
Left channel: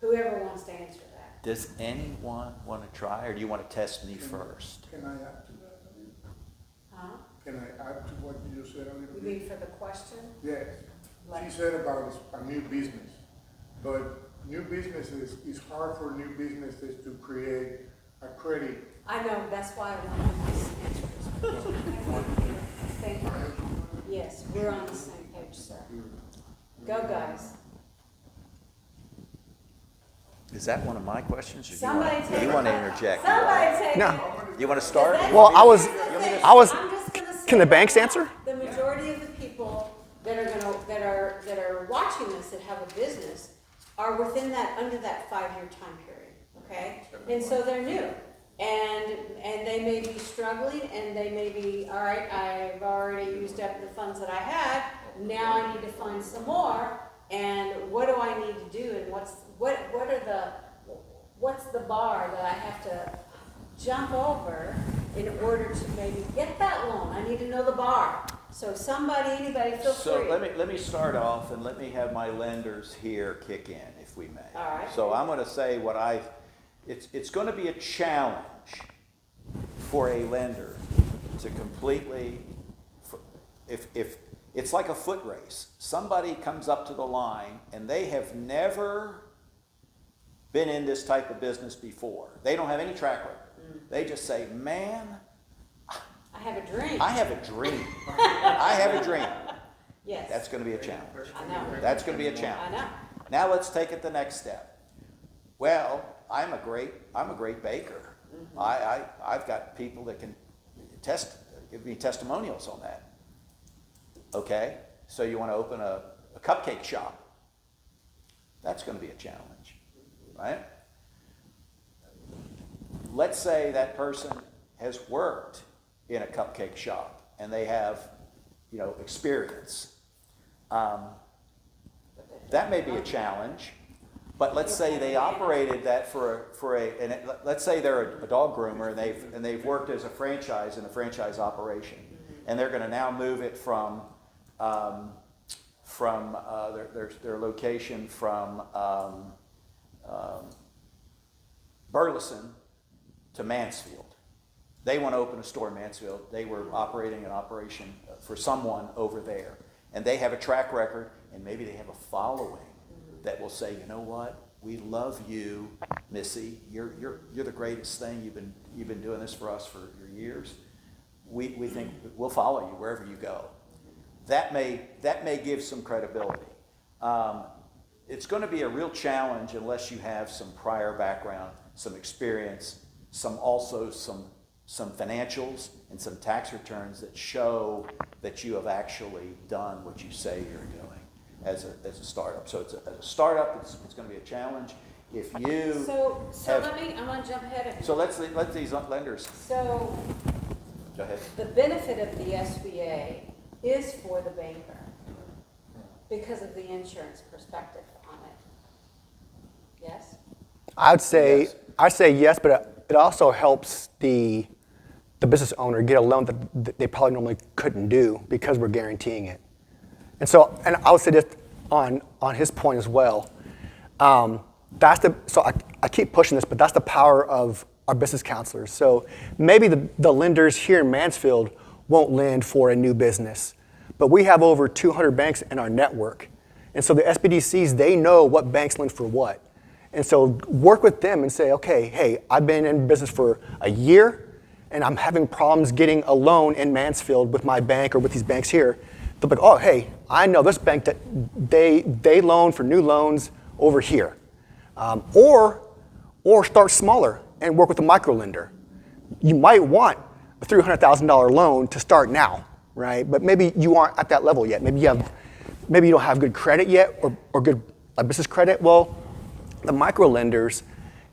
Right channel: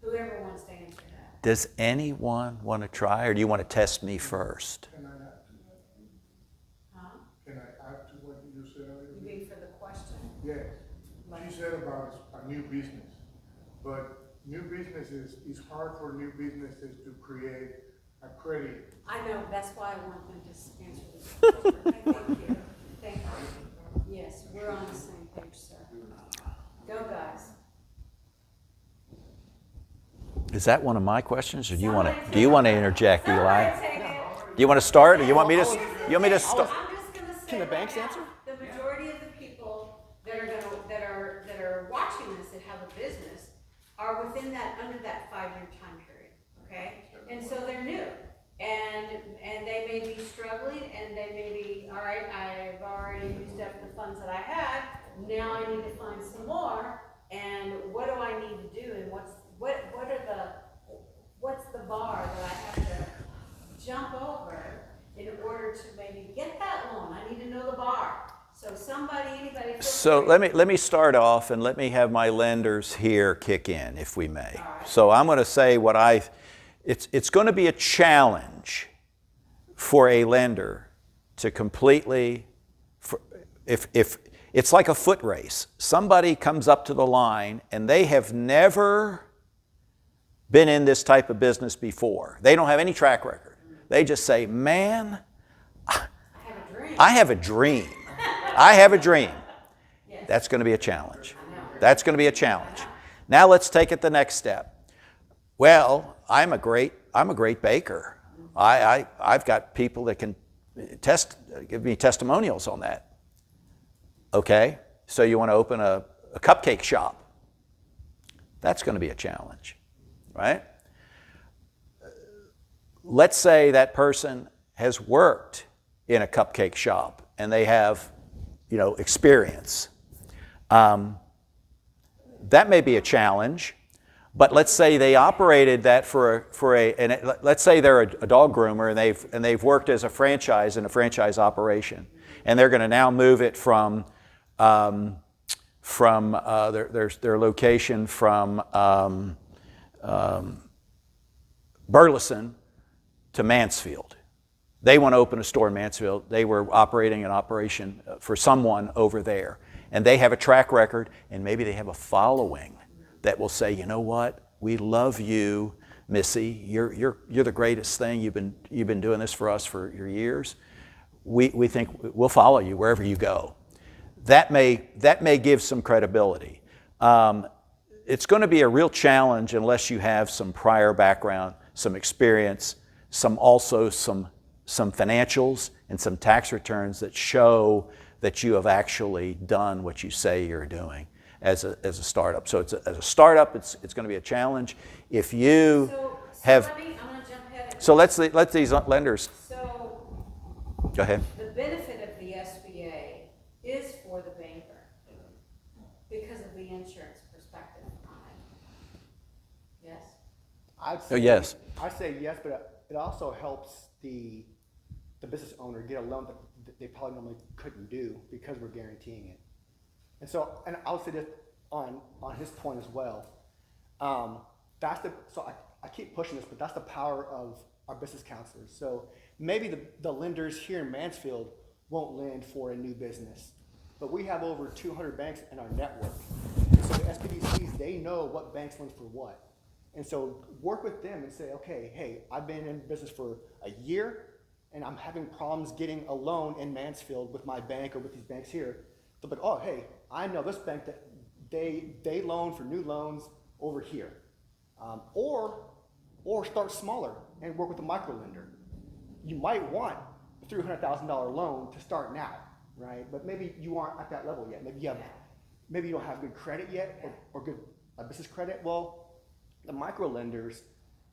Whoever wants to answer that. Does anyone want to try, or do you want to test me first? Can I add to that? Huh? Can I add to what you just said a little You bit? mean for the question? Yes. Like- She said about a new business, but new businesses, it's hard for new businesses to create a credit. I know, that's why I wanted this answer. Thank you. Thank you. Yes, we're on the same page, sir. Go, guys. Is that one of my questions, or do you Somebody want to take it. interject, Somebody Eli? take No. it. You want to start, or you Well, want me to? I was- you want me to? I was- I'm just gonna say Can the banks right answer? now, the majority of the people that are watching this that have a business are within under that 5-year time period, okay? And so they're new, and they may be struggling, and they may be, all right, I've already used up the funds that I had, now I need to find some more, and what do I need to do, and what's the bar that I have to jump over in order to maybe get that loan? I need to know the bar. So anybody feel So free. let me start off, and let me have my lenders here kick in, if we may. All right. So I'm going to say it's going to be a challenge for a lender to completely, if it's like a foot race. Somebody comes up to the line and they have never been in this type of business before. They don't have any track record. They just say, man, I have a dream. I have a dream. I have a dream. Yes. That's going to be a challenge. I know. That's going to be a challenge. I know. Now let's take it the next step. Well, I'm a great baker. I've got people that can give me testimonials on that. Okay, so you want to open a cupcake shop. That's going to be a challenge, right? Let's say that person has worked in a cupcake shop and they have, experience. That may be a challenge, but let's say they operated that let's say they're a dog groomer and they've worked as a franchise in a franchise operation, and they're going to now move it from their location from Burleson to Mansfield. They want to open a store in Mansfield. They were operating an operation for someone over there. And they have a track record, and maybe they have a following that will say, you know what, we love you, Missy. You're the greatest thing. You've been doing this for us for your years. We think we'll follow you wherever you go. That may give some credibility. It's going to be a real challenge unless you have some prior background, some experience, some financials and some tax returns that show that you have actually done what you say you're doing as a startup. So as a startup, it's going to be a challenge. If you I'm going to jump ahead. So let these lenders. So Go ahead. the benefit of the SBA is for the banker because of the insurance perspective on it. Yes? I'd say Yes. yes, but it also helps the business owner get a loan that they probably normally couldn't do because we're guaranteeing it. And I would say this on his point as well. I keep pushing this, but that's the power of our business counselors. So maybe the lenders here in Mansfield won't lend for a new business, but we have over 200 banks in our network. And so the SBDCs, they know what banks lend for what. And so work with them and say, okay, hey, I've been in business for a year and I'm having problems getting a loan in Mansfield with my bank or with these banks here. They'll be like, oh, hey, I know this bank that they loan for new loans over here. Or start smaller and work with a micro lender. You might want a $300,000 loan to start now, right? But maybe you aren't at that level yet. Maybe you don't have good credit yet or good business credit. Well, the micro lenders,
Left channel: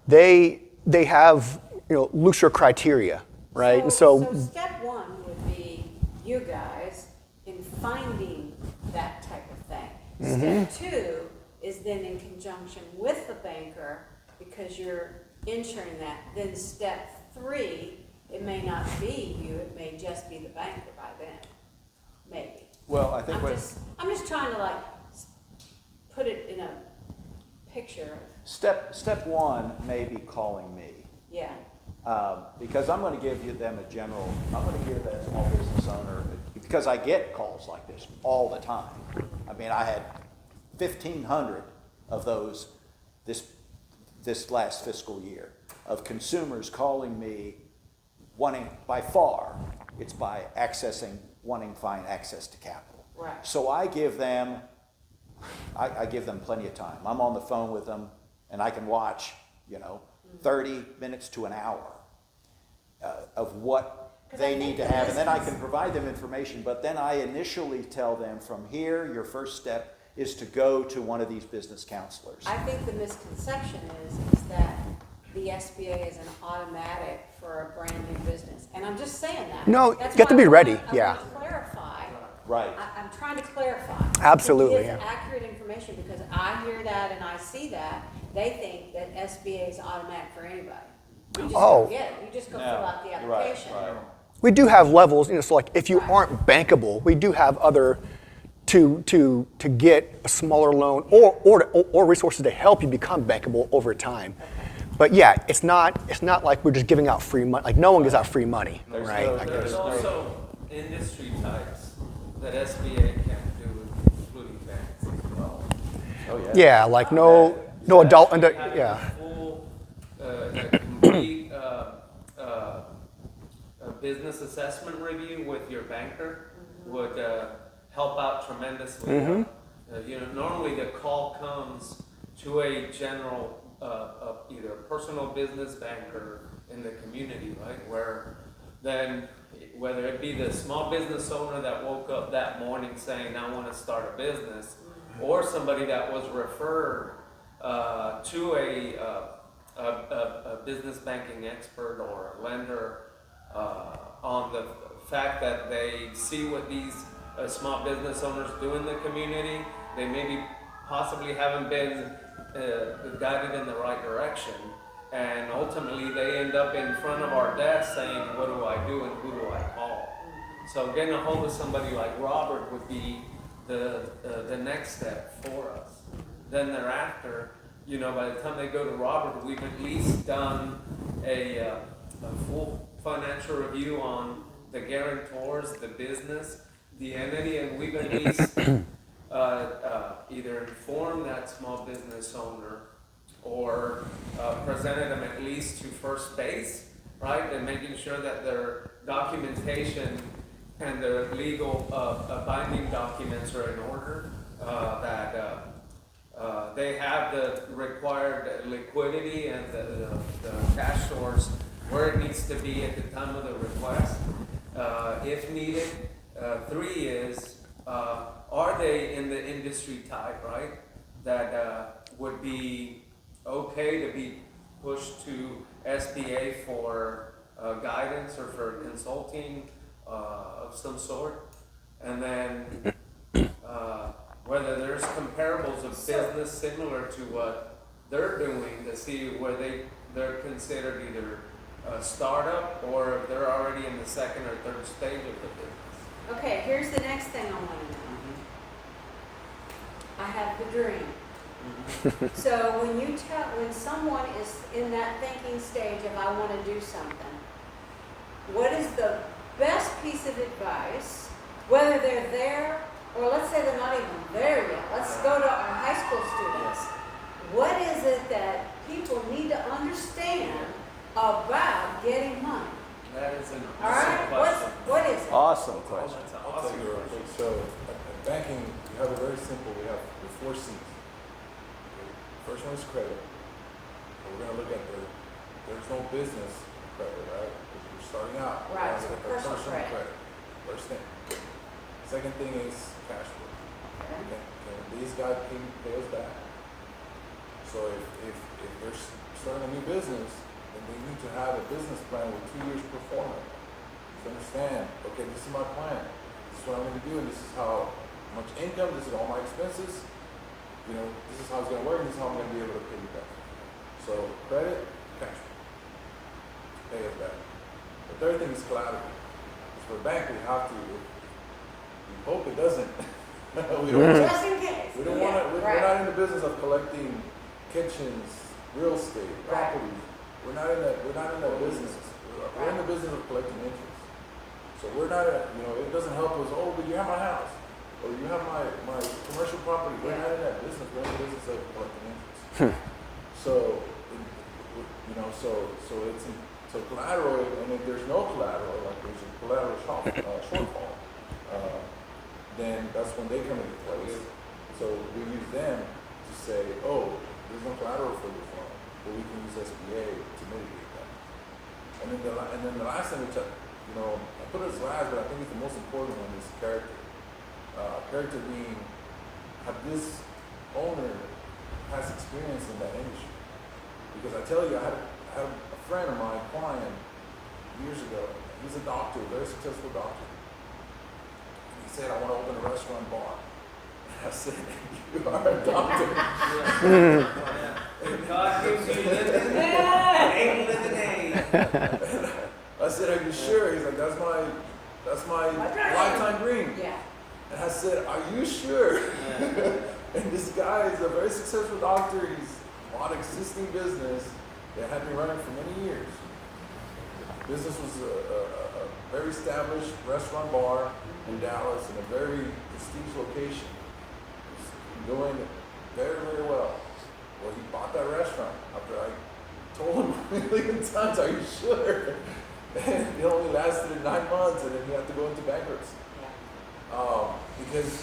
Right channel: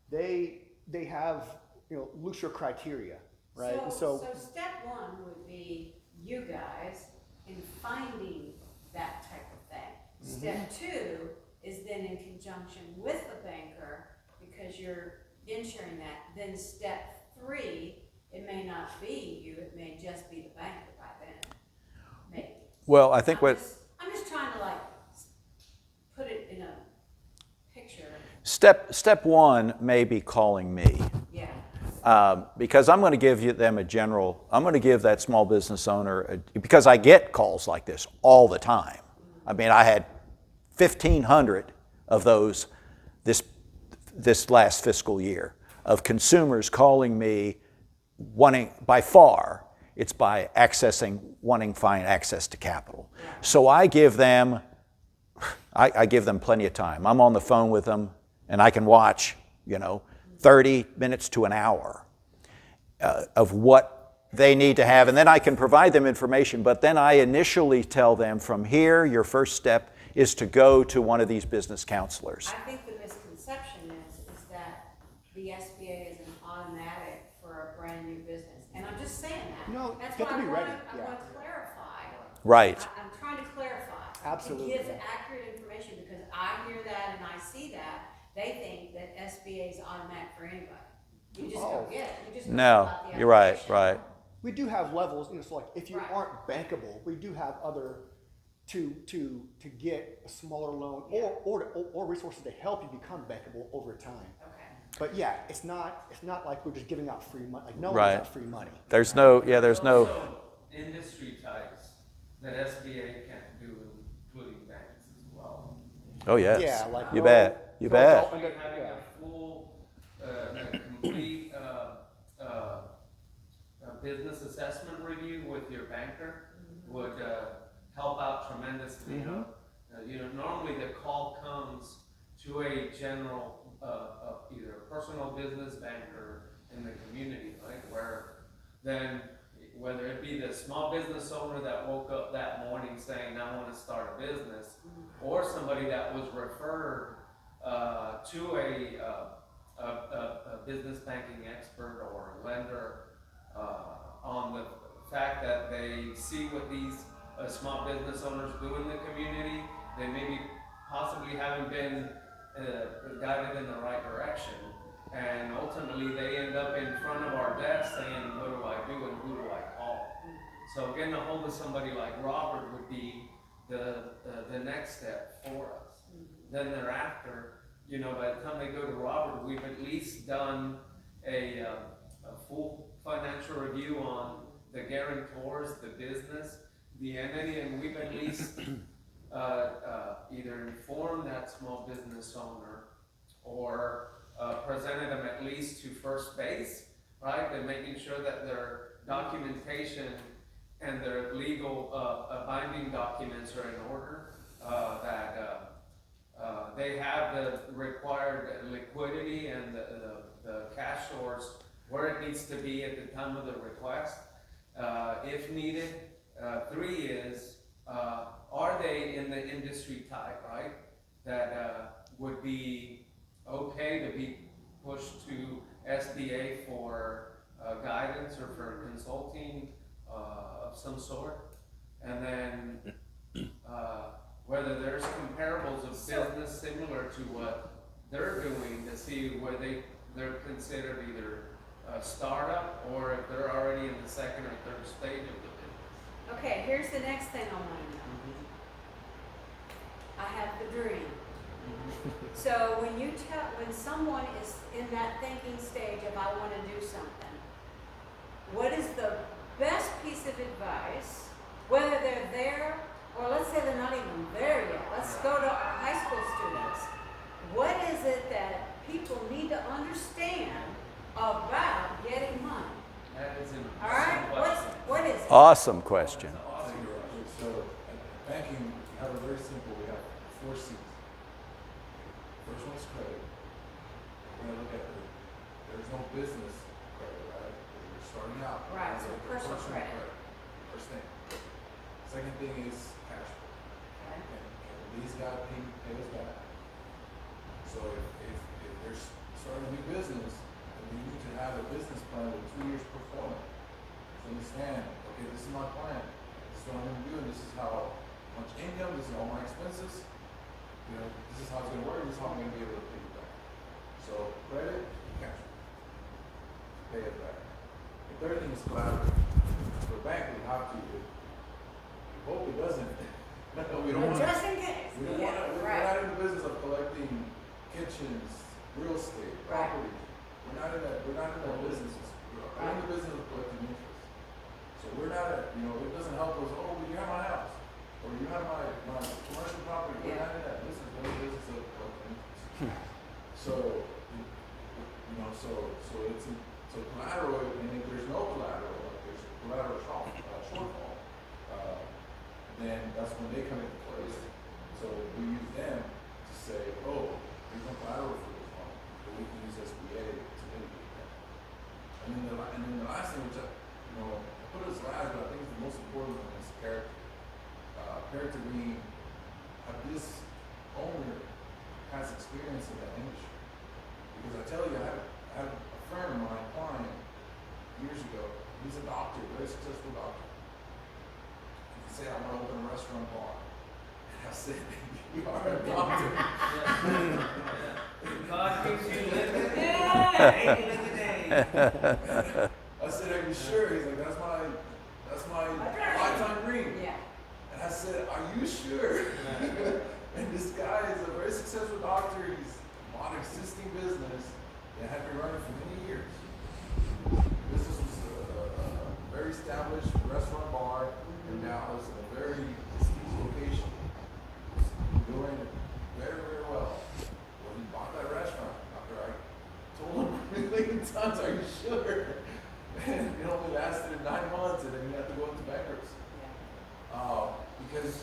they have looser criteria, right? So step one would be you guys in finding that type of thing. Step two is then in conjunction with the banker because you're insuring that. Then step three, it may not be you, it may just be the banker by then, maybe. Well, I think I'm just trying to put it in a picture. Step one may be calling me. Yeah. Because I'm going to give I'm going to give that small business owner, because I get calls like this all the time. I mean, I had 1,500 of those this last fiscal year of consumers calling me wanting, by far, it's by wanting fine access to capital. Right. So I give them plenty of time. I'm on the phone with them and I can watch, 30 minutes to an hour of what they need to have, and then I can provide them information, but then I initially tell them from here, your first step is to go to one of these business counselors. I think the misconception is that the SBA is an automatic for a brand new business, and I'm just saying that. No, That's you have to why be ready, I yeah. want to clarify. Right. I'm trying to clarify. Absolutely, To give yeah. accurate information, because I hear that and I see that, they think that SBA is automatic for anybody. You just don't get it. You just go fill out the application. You're right. We do have levels, so like if you aren't bankable, we do have other to get a smaller loan or resources to help you become bankable over time. But yeah, it's not like we're just giving out free money. Like no one gives Right. out free money. There's right? no, Like, yeah, there's no. Also industry types that SBA can do, including banks as well. Oh yeah. Yeah, like You no bet. You bet. adult. Having Yeah. a full, complete business assessment review with your banker would help out tremendously. Normally the call comes to a general, either personal business banker in the community, right? Where then, whether it be the small business owner that woke up that morning saying, I want to start a business, or somebody that was referred to a business banking expert or a lender on the fact that they see what these small business owners do in the community. They maybe possibly haven't been guided in the right direction, and ultimately they end up in front of our desk saying, what do I do and who do I call? So getting a hold of somebody like Robert would be the next step for us. Then thereafter, by the time they go to Robert, we've at least done a full financial review on the guarantors, the business, the entity, and we've at least either informed that small business owner or presented them at least to first base, right? And making sure that their documentation and their legal binding documents are in order, that they have the required liquidity and the cash source where it needs to be at the time of the request, if needed. 3 is, are they in the industry type, right? That would be okay to be pushed to SBA for guidance or for consulting of some sort. And then whether there's comparables of business similar to what they're doing to see where they're considered either a startup or if they're already in the second or third stage of the business. Okay, here's the next thing I want to know. I have the dream. So when someone is in that thinking stage of I want to do something, what is the best piece of advice, whether they're there or let's say they're not even there yet? Let's go to our high school students. What is it that people need to understand about getting money? That is an All right, question. what is it? Awesome question. So in banking, you have it very simple. We have the 4 C's. First one is credit. We're going to look at there's no business credit, right? We're starting out. Right, so Like personal credit. First thing. Second thing is cash flow. Okay. Can these guys pay us back? So if they're starting a new business, then they need to have a business plan with 2 years performance. To understand, okay, this is my plan. This is what I'm going to do, and this is how much income, this is all my expenses. This is how it's going to work, and this is how I'm going to be able to pay you back. So credit, cash flow. Pay us back. The third thing is collateral. Because for a bank, we have to, we hope it doesn't. We don't, Just in case. we don't want to, we're not in the business of collecting kitchens, real estate, Right. properties. We're not in that business. We're in the business of collecting interest. So we're not, it doesn't help us, oh, but you have my house, or you have my commercial property. We're not in that business. We're in the business of collecting interest. So, so collateral, and if there's no collateral, like there's a collateral shortfall, then that's when they come into place. So we use them to say, oh, there's no collateral for this loan, but we can use SBA to mitigate that. And then the last thing, which I put it as last, but I think it's the most important one, is character. Character being, this owner has experience in that industry. Because I tell you, I had a friend of mine, client, years ago. He's a doctor, very successful doctor. He said, I want to open a restaurant bar. And I said, you are a doctor. God gives you lemonade. I said, are you sure? He's like, that's my lifetime dream. Yeah. And I said, are you sure? And this guy is a very successful doctor. He's on existing business that had been running for many years. Business was a very established restaurant bar in Dallas in a very distinct location. Doing very, very well. Well, he bought that restaurant after I told him a million times, are you sure? And it only lasted 9 months, and then he had to go into bankruptcy. Yeah. because,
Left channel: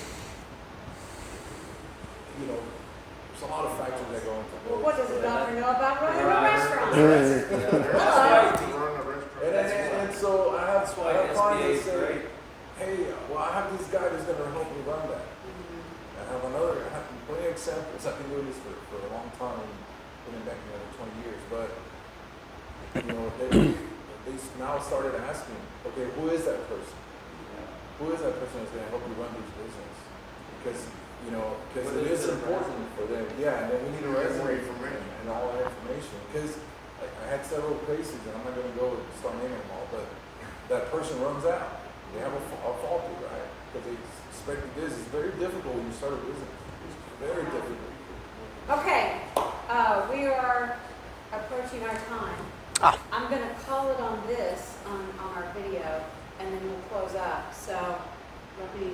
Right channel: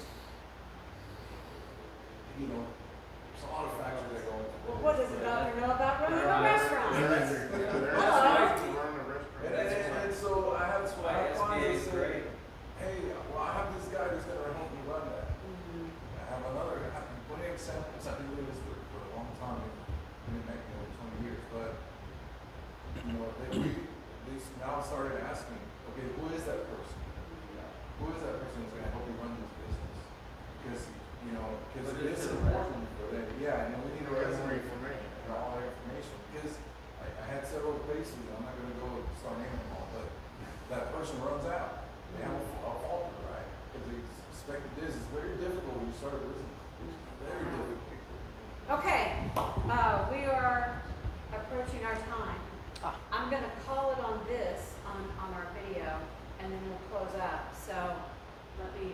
you know, there's a lot of factors that go into Well, it. what does a doctor know about running a restaurant? And, Hello? and so I have why clients SBA that is say, great. hey, well, I have this guy that's gonna help me run that. I have plenty of examples. I've been doing this for a long time, been in banking over 20 years, but, you know, they now started asking, okay, who is that person? Who is that person that's gonna help me run this business? Because, you know, because it is important for them. Yeah, and then we need a resume and all that information. Because I had several places, and I'm not gonna go start naming them all, but that person runs out. They have a faulty, right? Because they expected this. It's very difficult when you start a business. It's very difficult. Okay, we are approaching our time. Ah. I'm gonna call it on this, on our video, and then we'll close up. So let me,